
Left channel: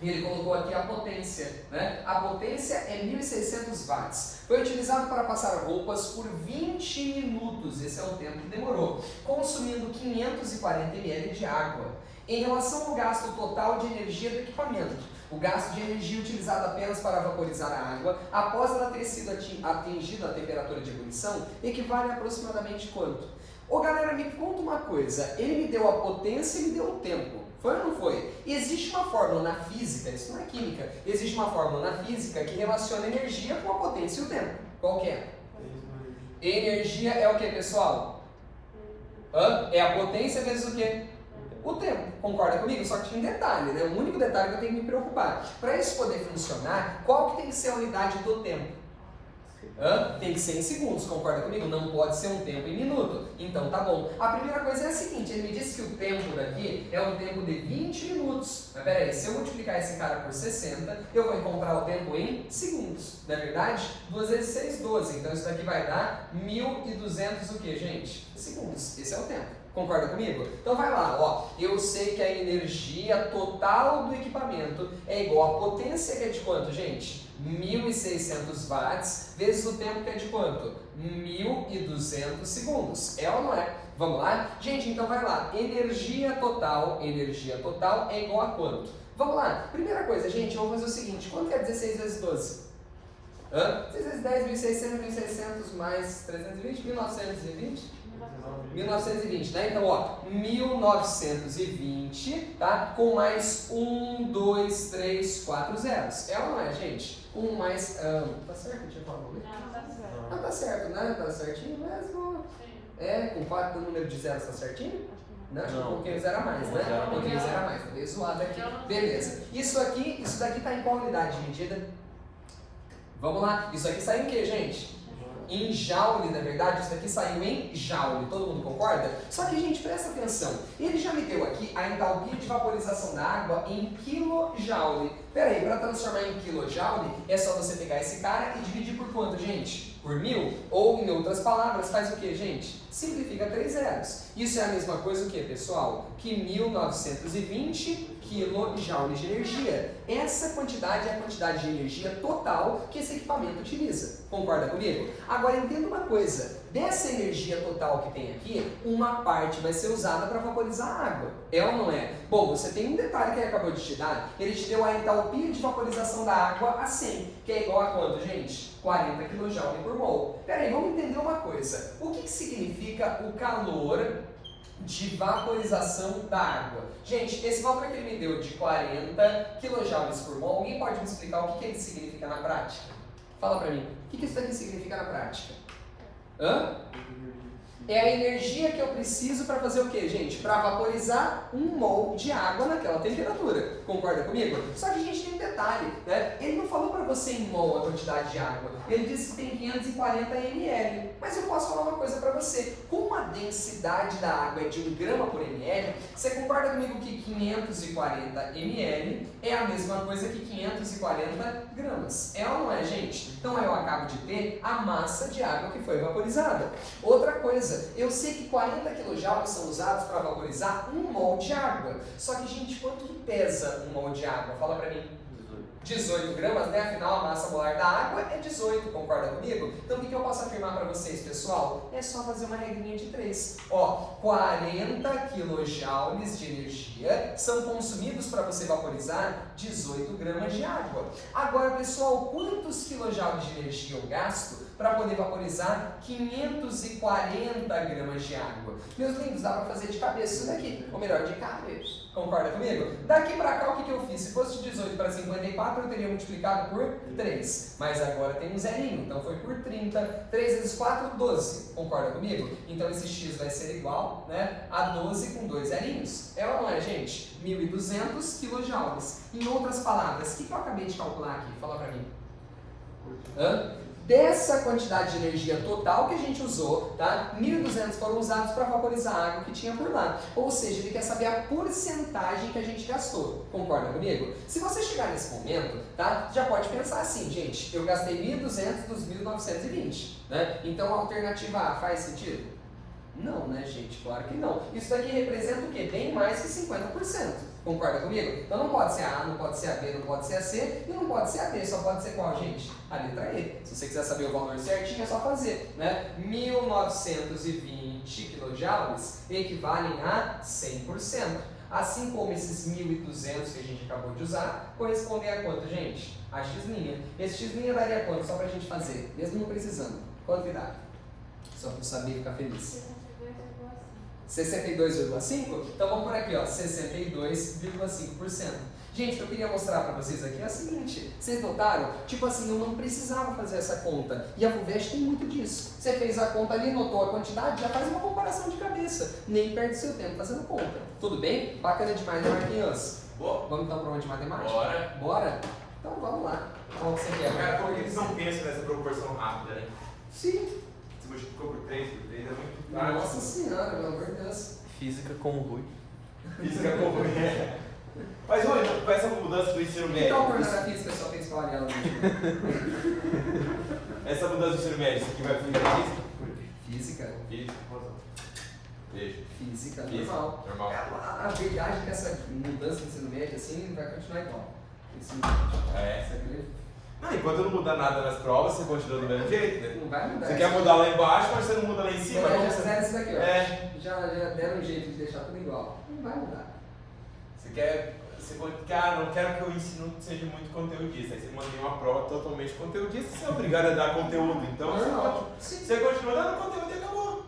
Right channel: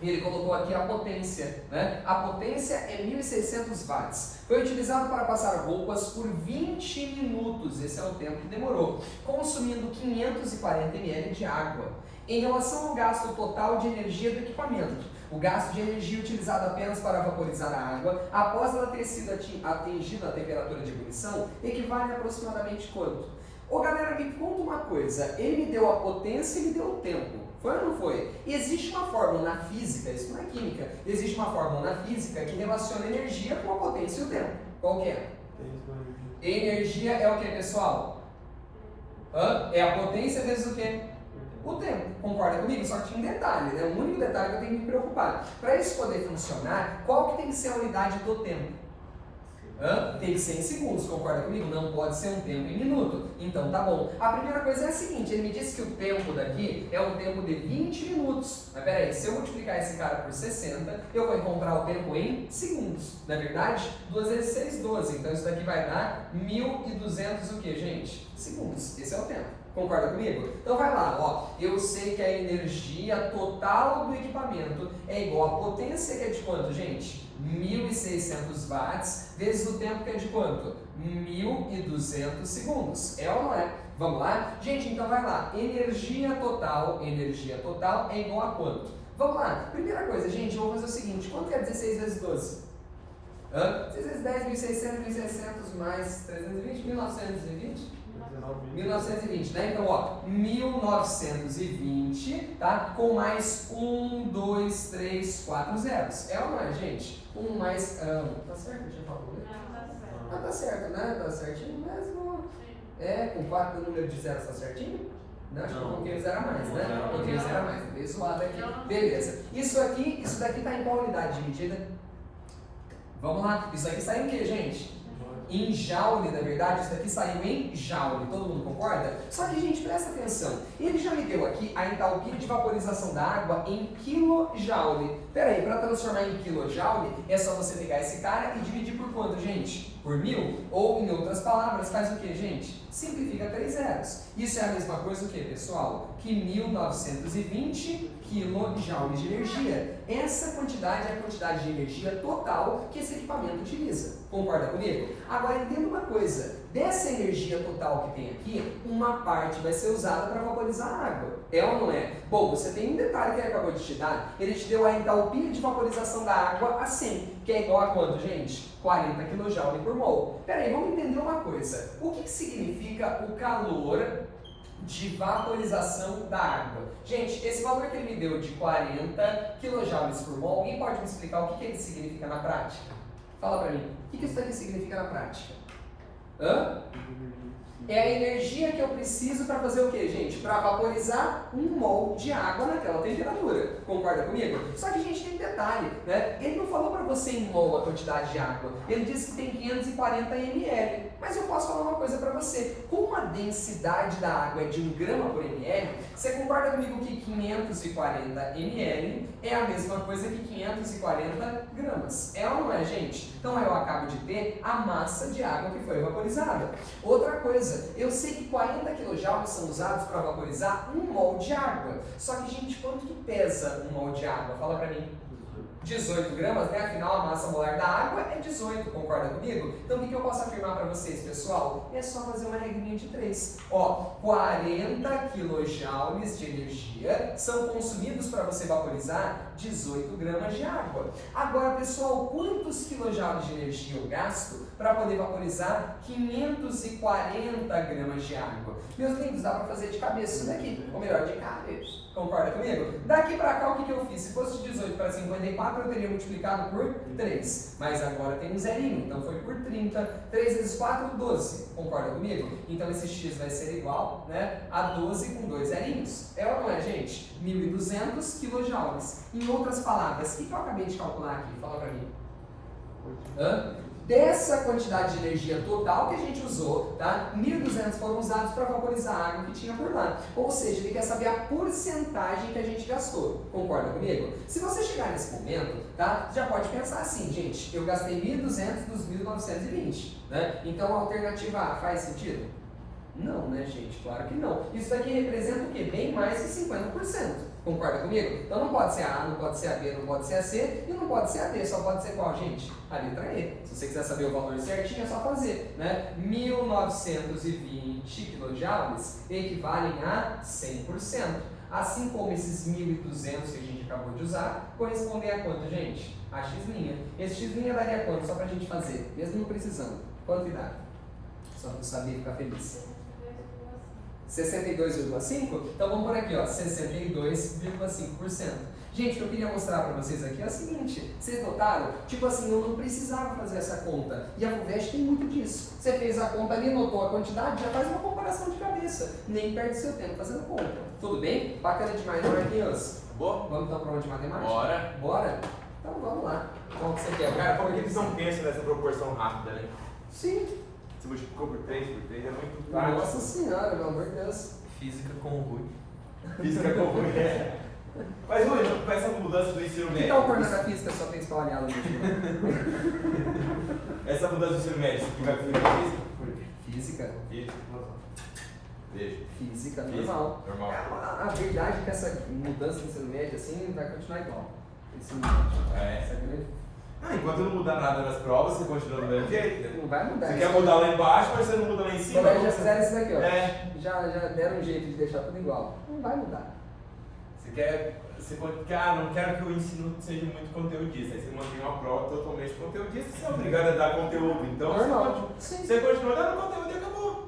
Ele colocou aqui a potência, né? A potência é 1.600 watts. Foi utilizado para passar roupas por 20 minutos, esse é o tempo que demorou, consumindo 540 ml de água. Em relação ao gasto total de energia do equipamento, o gasto de energia utilizado apenas para vaporizar a água, após ela ter sido atingida a temperatura de ebulição, equivale a aproximadamente quanto? Ô galera, me conta uma coisa, ele me deu a potência e me deu o tempo. Foi ou não foi? Existe uma fórmula na física, isso não é química, existe uma fórmula na física que relaciona a energia com a potência e o tempo. Qual que é? Energia é o que, pessoal? É a potência vezes o quê? O tempo. Concorda comigo? Só que tinha um detalhe, né? O único detalhe que eu tenho que me preocupar. Para isso poder funcionar, qual que tem que ser a unidade do tempo? Tem que ser em segundos, concorda comigo? Não pode ser um tempo em minuto. Então tá bom. A primeira coisa é a seguinte, ele me disse que o tempo daqui é um tempo de 20 minutos. Mas peraí, se eu multiplicar esse cara por 60, eu vou encontrar o tempo em segundos. Não é verdade? 2 vezes 6, 12. Então isso daqui vai dar 1.200 o que, gente? Segundos. Esse é o tempo. Concorda comigo? Então vai lá, ó. Eu sei que a energia total do equipamento é igual à potência, que é de quanto, gente? 1.600 watts vezes o tempo, que é de quanto? 1.200 segundos. É ou não é? Vamos lá? Gente, então vai lá. Energia total é igual a quanto? Vamos lá. Primeira coisa, gente, vamos fazer o seguinte. Quanto é 16 vezes 12? 6 vezes 10, 1.600 mais 320, 1.920? 1920, né? Então, ó, 1920, tá? Com mais 1, 2, 3, 4 zeros. É ou não é, gente? 1 mais... tá certo? Deixa eu falar. Não, tá certo, né? Tá certinho mesmo. Com 4 o número de zeros tá certinho? Não, acho que um pouquinho zero a mais, né? Um pouquinho zero a mais, tá meio zoado aqui. Beleza. Isso daqui tá em qual unidade de medida? Vamos lá. Isso aqui saiu o quê, gente? Em joule, na verdade, isso daqui saiu em joule, todo mundo concorda? Só que, gente, presta atenção, ele já me deu aqui a entalpia de vaporização da água em quilojoule. Pera aí, para transformar em quilojoule, é só você pegar esse cara e dividir por quanto, gente? Por 1000? Ou, em outras palavras, faz o que, gente? Simplifica 3 zeros. Isso é a mesma coisa o que, pessoal? Que 1920 kJ de energia. Essa quantidade é a quantidade de energia total que esse equipamento utiliza. Concorda comigo? Agora entenda uma coisa, dessa energia total que tem aqui, uma parte vai ser usada para vaporizar a água. É ou não é? Bom, você tem um detalhe que ele acabou de te dar, ele te deu a entalpia de vaporização da água a 100, que é igual a quanto, gente? 40 kJ por mol. Peraí, vamos entender uma coisa. O que significa o calor de vaporização da água? Gente, esse valor que ele me deu de 40 kJ por mol, alguém pode me explicar o que ele significa na prática? Fala pra mim, o que isso daqui significa na prática? Hã? É a energia que eu preciso para fazer o que, gente? Para vaporizar 1 mol de água naquela temperatura. Concorda comigo? Só que a gente tem um detalhe, né? Ele não falou para você em mol a quantidade de água. Ele disse que tem 540 ml. Mas eu posso falar uma coisa para você. Como a densidade da água é de 1 grama por ml, você concorda comigo que 540 ml é a mesma coisa que 540 gramas? É ou não é, gente? Então eu acabo de ter a massa de água que foi vaporizada. Outra coisa, eu sei que 40 kJ são usados para vaporizar 1 mol de água. Só que, gente, quanto que pesa 1 mol de água? Fala pra mim. 18 gramas, né? Afinal, a massa molar da água é 18, concorda comigo? Então, o que eu posso afirmar para vocês, pessoal? É só fazer uma regrinha de 3. Ó, 40 kJ de energia são consumidos para você vaporizar 18 gramas de água. Agora, pessoal, quantos quilojoules de energia eu gasto para poder vaporizar 540 gramas de água? Meus lindos, dá para fazer de cabeça isso daqui, ou melhor, de cabeça. Concorda comigo? Daqui para cá, o que eu fiz? Se fosse de 18 para 54, eu teria multiplicado por 3. Mas agora tem um zerinho, então foi por 30. 3 vezes 4, 12. Concorda comigo? Então esse x vai ser igual, né, a 12 com 2 zerinhos. É ou não é, gente? 1.200 kJ. Em outras palavras, o que eu acabei de calcular aqui? Fala para mim. Hã? Dessa quantidade de energia total que a gente usou, tá? 1.200 foram usados para vaporizar a água que tinha por lá. Ou seja, ele quer saber a porcentagem que a gente gastou. Concorda comigo? Se você chegar nesse momento, tá? Já pode pensar assim, gente, eu gastei 1.200 dos 1.920, né? Então a alternativa A faz sentido? Não, né, gente? Claro que não. Isso daqui representa o quê? Bem mais que 50%. Concorda comigo? Então não pode ser a A, não pode ser a B, não pode ser a C e não pode ser a D. Só pode ser qual, gente? A letra E. Se você quiser saber o valor certinho, é só fazer, né? 1920 kJ equivalem a 100%. Assim como esses 1.200 que a gente acabou de usar, correspondem a quanto, gente? A x'. Esse x' daria quanto? Só pra gente fazer, mesmo não precisando. Quanto dá? Só para saber ficar feliz. 62,5%? Então vamos por aqui, ó, 62,5%. Gente, o que eu queria mostrar para vocês aqui é o seguinte, vocês notaram? Tipo assim, eu não precisava fazer essa conta, e a FUVEST tem muito disso. Você fez a conta ali, notou a quantidade, já faz uma comparação de cabeça, nem perde seu tempo fazendo conta. Tudo bem? Bacana demais, Marquinhos? Boa. Vamos então para uma de matemática? Bora. Bora? Então vamos lá. Qual que você quer? Cara, por que eles não pensam nessa proporção rápida, né? Sim. Se multiplicou por 3 é muito prático. Nossa senhora, pelo amor de Deus. Física com o Rui. Física como é. Mas, Rui, com essa mudança do ensino Que médio. tal tornar física só tem espalhado no Essa mudança do ensino médio, isso aqui vai fluir pra física? Física? Física. Beijo. Física, Física, normal. normal. A verdade é que essa mudança no ensino médio assim vai continuar igual. Ensino É. essa grande. Ah, enquanto não muda nada nas provas, você continua do mesmo jeito, né? Não vai mudar. Você quer mudar lá embaixo, mas você não muda lá em cima. Colégio como já fizeram isso daqui, ó. É. Já deram um jeito de deixar tudo igual. Não vai mudar. Você quer. Cara, não quero que o ensino seja muito conteudista. Aí você mantém uma prova totalmente conteudista, você é obrigado a dar conteúdo. Então Normal. Sim. você continua dando conteúdo e acabou.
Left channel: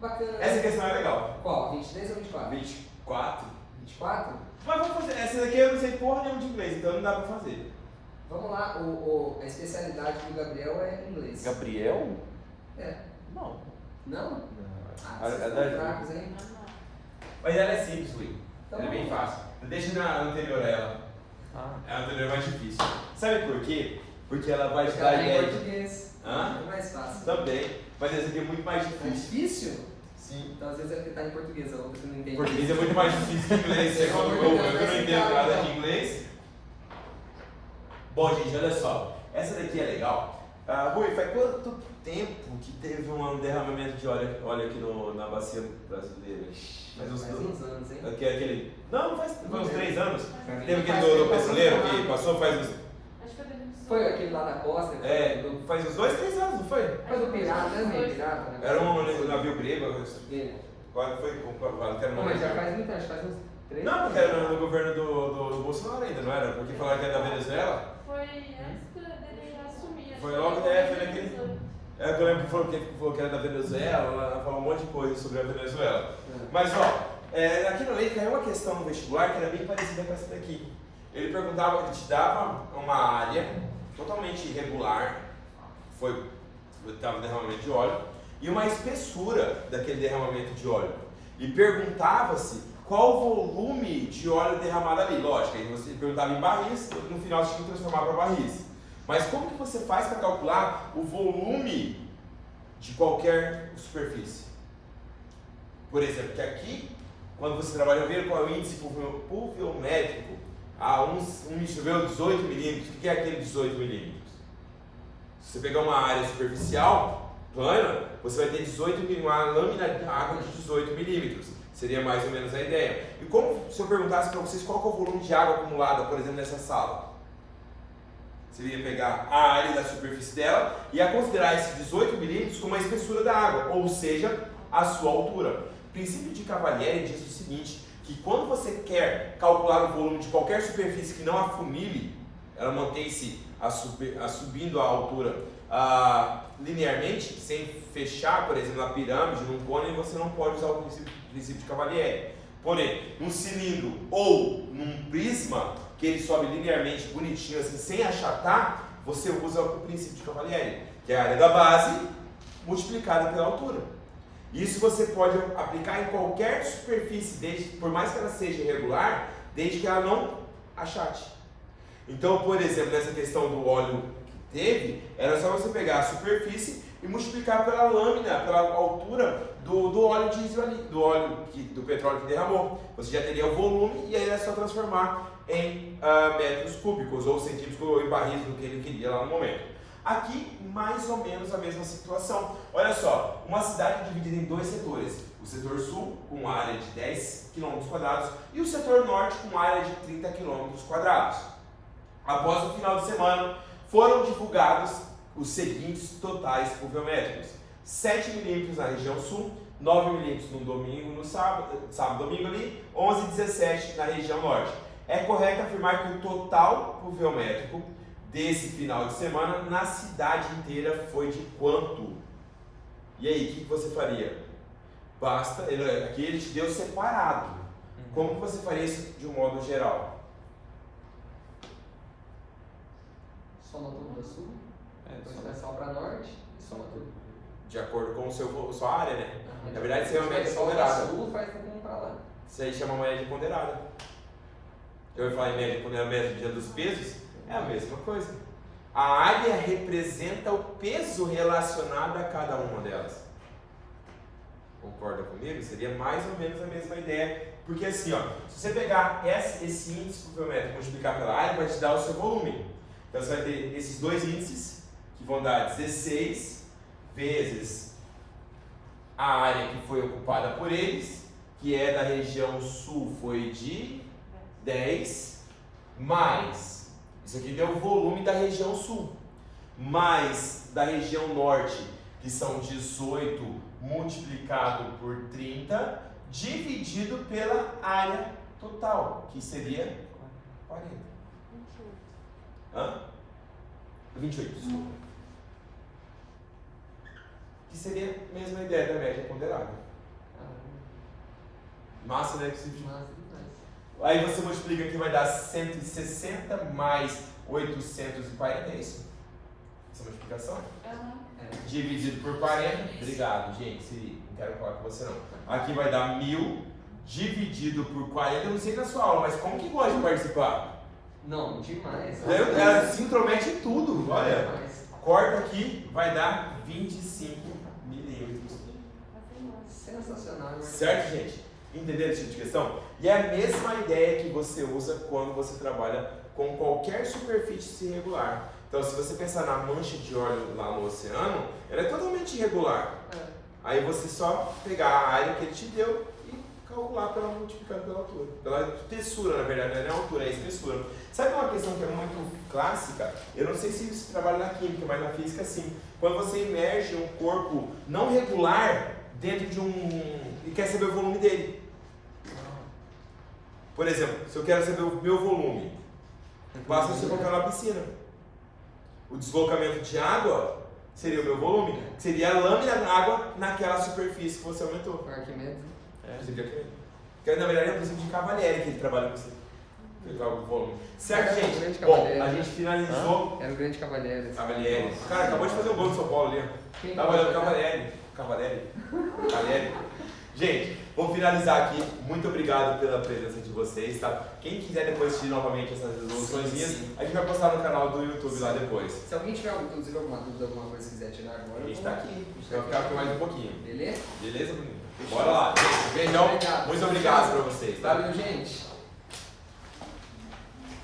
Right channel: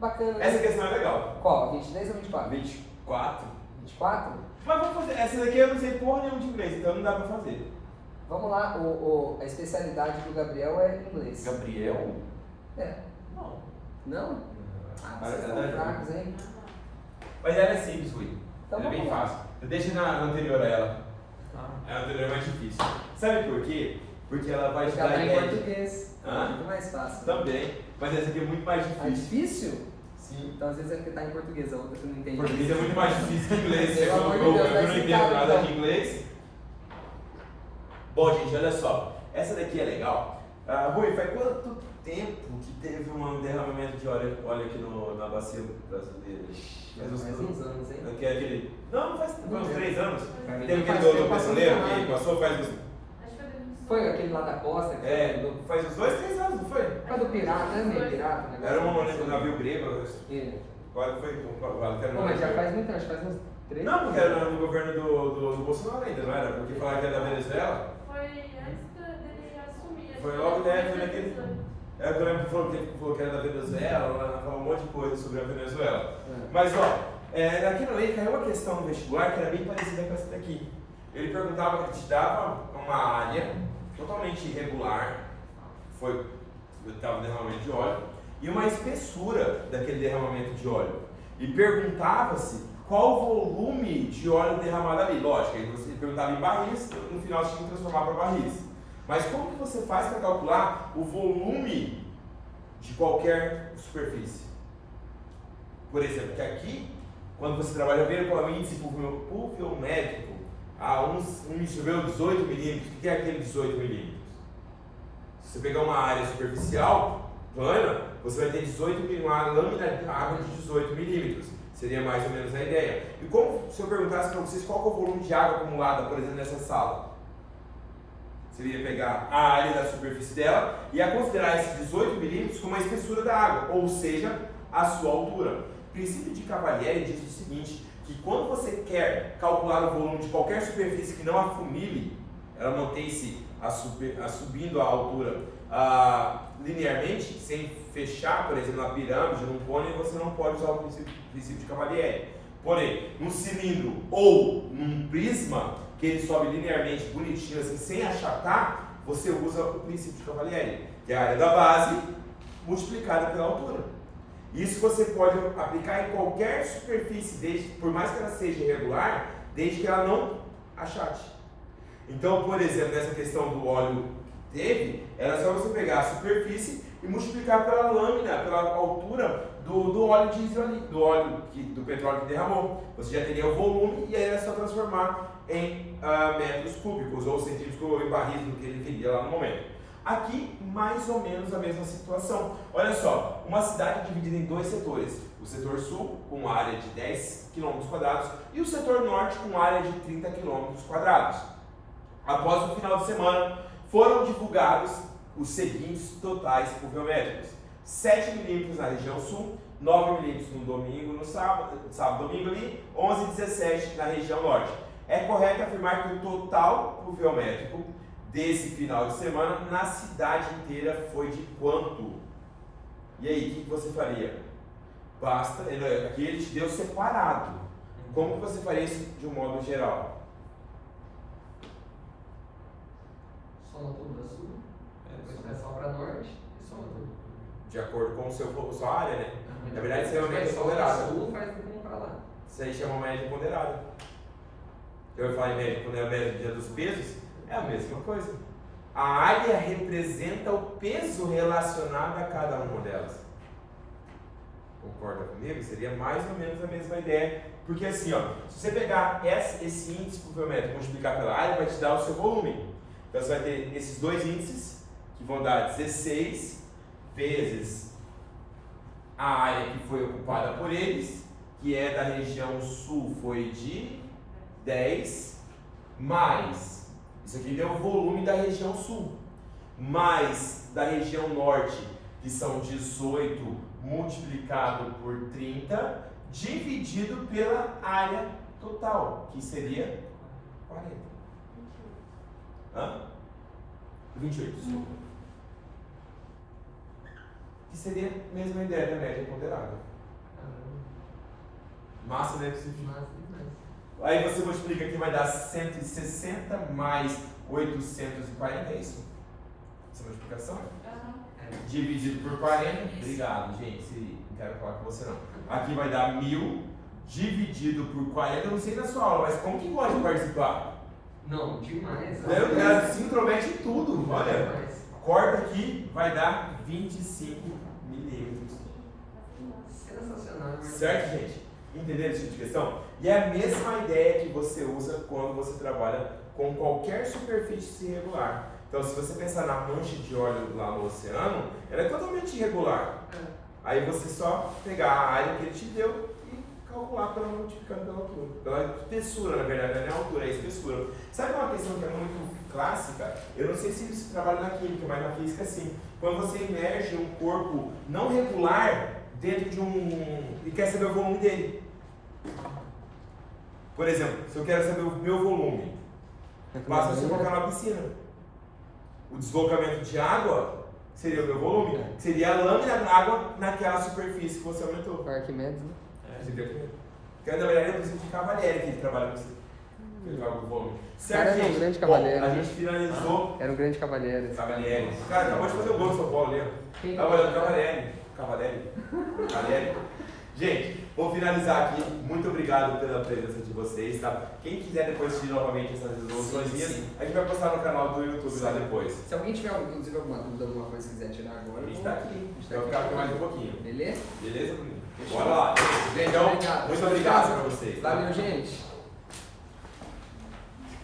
Bacana. Né? Essa questão é legal. Qual? 23 ou 24? 24. 24? Mas vamos fazer. Essa daqui eu não sei porra nenhuma de inglês, então não dá pra fazer. Vamos lá, a especialidade do Gabriel é inglês. Gabriel? É. Não. Não? Ah, vocês Mas estão é fracos, hein? Mas ela é simples, Rui. Então Ela é bem vamos lá. fácil. Deixa na anterior a ela. Ah. A anterior é mais difícil. Sabe por quê? Porque ela vai te Porque dar ela tá em ideia. português. Hã? Muito mais fácil. Também, mas essa aqui é muito mais É difícil. difícil? Sim. Então às vezes é porque tá em português, a outra tu não entende. Português é muito mais difícil que inglês. Você Pelo amor de colocou, Deus, eu vai não sentar, entendo nada então. de inglês. Bom, gente, olha só. Essa daqui é legal. Rui, faz quanto tempo que teve um derramamento de óleo aqui na bacia brasileira? Faz uns anos, hein? Não faz uns 3 anos. Pra mim, Teve faz aquele do tempo, brasileiro passou que no passou faz uns. Foi aquele lá da costa, que Faz uns 2, 3 anos, não foi? foi do pirata, né? Meio pirata, né? Era um navio grego. É. Agora foi comprovado que era um Pô, mas já navio faz muito, acho que faz uns 3 Não, porque era no governo do Bolsonaro ainda, não era? Porque falaram que era da Venezuela. Foi antes dele assumir. Foi logo, foi naquele. É, eu lembro que falou que era da Venezuela, falou um monte de coisa sobre a Venezuela. Mas ó, aqui no meio caiu uma questão no vestibular que era bem parecida com essa daqui. Ele perguntava, ele te dava uma área totalmente irregular, estava derramamento de óleo, e uma espessura daquele derramamento de óleo. E perguntava-se qual o volume de óleo derramado ali. Lógico, aí você perguntava em barris, no final você tinha que transformar para barris. Mas como que você faz para calcular o volume de qualquer superfície? Por exemplo, que aqui, quando você trabalha, vendo qual é o índice pluviométrico, choveu 18 milímetros. O que é aquele 18 milímetros? Se você pegar uma área superficial, plana, você vai ter uma lâmina de água de 18 milímetros. Seria mais ou menos a ideia. E como se eu perguntasse para vocês qual é o volume de água acumulada, por exemplo, nessa sala? Você iria pegar a área da superfície dela e a considerar esses 18 milímetros como a espessura da água, ou seja, a sua altura. O princípio de Cavalieri diz o seguinte, que quando você quer calcular o volume de qualquer superfície que não afunile, ela mantém-se subindo a altura linearmente, sem fechar, por exemplo, na pirâmide, num cone, você não pode usar o princípio de Cavalieri. Porém, num cilindro ou num prisma, que ele sobe linearmente, bonitinho, assim, sem achatar, você usa o princípio de Cavalieri, que é a área da base multiplicada pela altura. Isso você pode aplicar em qualquer superfície, por mais que ela seja irregular, desde que ela não achate. Então, por exemplo, nessa questão do óleo que teve, era só você pegar a superfície e multiplicar pela lâmina, pela altura do óleo diesel ali, do petróleo que derramou. Você já teria o volume e aí era só transformar em metros cúbicos ou centímetros ou em barris do que ele queria lá no momento. Aqui, mais ou menos a mesma situação. Olha só, uma cidade dividida em 2 setores. O setor sul, com área de 10 km², e o setor norte, com área de 30 km². Após o final de semana, foram divulgados os seguintes totais pluviométricos. 7 milímetros na região sul, 9 milímetros no domingo, no sábado, domingo ali, 11 e 17 na região norte. É correto afirmar que o total pluviométrico desse final de semana na cidade inteira foi de quanto? E aí, o que você faria? Aqui ele te deu separado. Como que você faria isso de um modo geral? Soma tudo da sul, vai só para norte e soma tudo. De acordo com sua área, né? Na verdade, isso realmente é só para ponderado. sul, faz tudo para lá. Isso aí chama média ponderada. Eu ia falar em média ponderada, média dos pesos, é a mesma coisa. A área representa o peso relacionado a cada uma delas. Concorda comigo? Seria mais ou menos a mesma ideia. Porque assim, ó, se você pegar esse índice pluviométrico e multiplicar pela área, vai te dar o seu volume. Então você vai ter esses 2 índices, que vão dar 16 vezes a área que foi ocupada por eles, que é da região sul, foi de 10, mais, isso aqui deu o volume da região sul, mais da região norte, que são 18 multiplicado por 30, dividido pela área total, que seria 40. Hã? 28, desculpa. Que seria a mesma ideia da média ponderada. Massa, né? Aí você multiplica aqui, vai dar 160 mais 840, é isso? Essa multiplicação? Dividido por 40. Obrigado, gente. Não quero falar com você não. Aqui vai dar 1000 dividido por 40. Eu não sei na sua aula, mas como que gosta de participar? Não, demais. Ela se intromete em tudo, olha. Demais. Corta aqui, vai dar 25 milímetros. Sensacional, mas... Certo, gente? Entenderam esse tipo de questão? E é a mesma ideia que você usa quando você trabalha com qualquer superfície irregular. Então, se você pensar na mancha de óleo lá no oceano, ela é totalmente irregular. Aí você só pegar a área que ele te deu e calcular pela multiplicando pela altura. Pela espessura, na verdade, não é a altura, é a espessura. Sabe uma questão que é muito clássica? Eu não sei se você trabalha na química, mas na física sim. Quando você imerge um corpo não regular dentro de e quer saber o volume dele. Por exemplo, se eu quero saber o meu volume, basta você colocar na piscina. O deslocamento de água seria o meu volume, seria a lâmina d'água naquela superfície que você aumentou. O Arquimedes, né? Porque na verdade é o princípio de Cavalieri que ele trabalha com você. Pegar o volume. Certo, Era um gente? grande Bom, Cavalieri, a né? gente finalizou. Era um grande cavalheiro. esse Cavalieri. Cara, acabou de fazer um gol no São Paulo ali. Quem? Tava olhando Cavalieri. Cavalieri. Gente, vou finalizar aqui. Muito obrigado pela presença de vocês, tá? Quem quiser depois assistir novamente essas resoluções Sim, minhas, sim. a gente vai postar no canal do YouTube lá depois. Se alguém tiver, inclusive, alguma dúvida, alguma coisa que quiser tirar agora, A gente eu tá vou- aqui. A gente Vai tá ficar aqui. aqui mais um pouquinho. Beleza? Beleza, Bruninho? Fechou. Bora lá. Gente, então, Obrigado. muito obrigado pra vocês. Tá? Valeu, gente.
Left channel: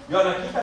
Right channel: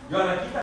E olha aqui,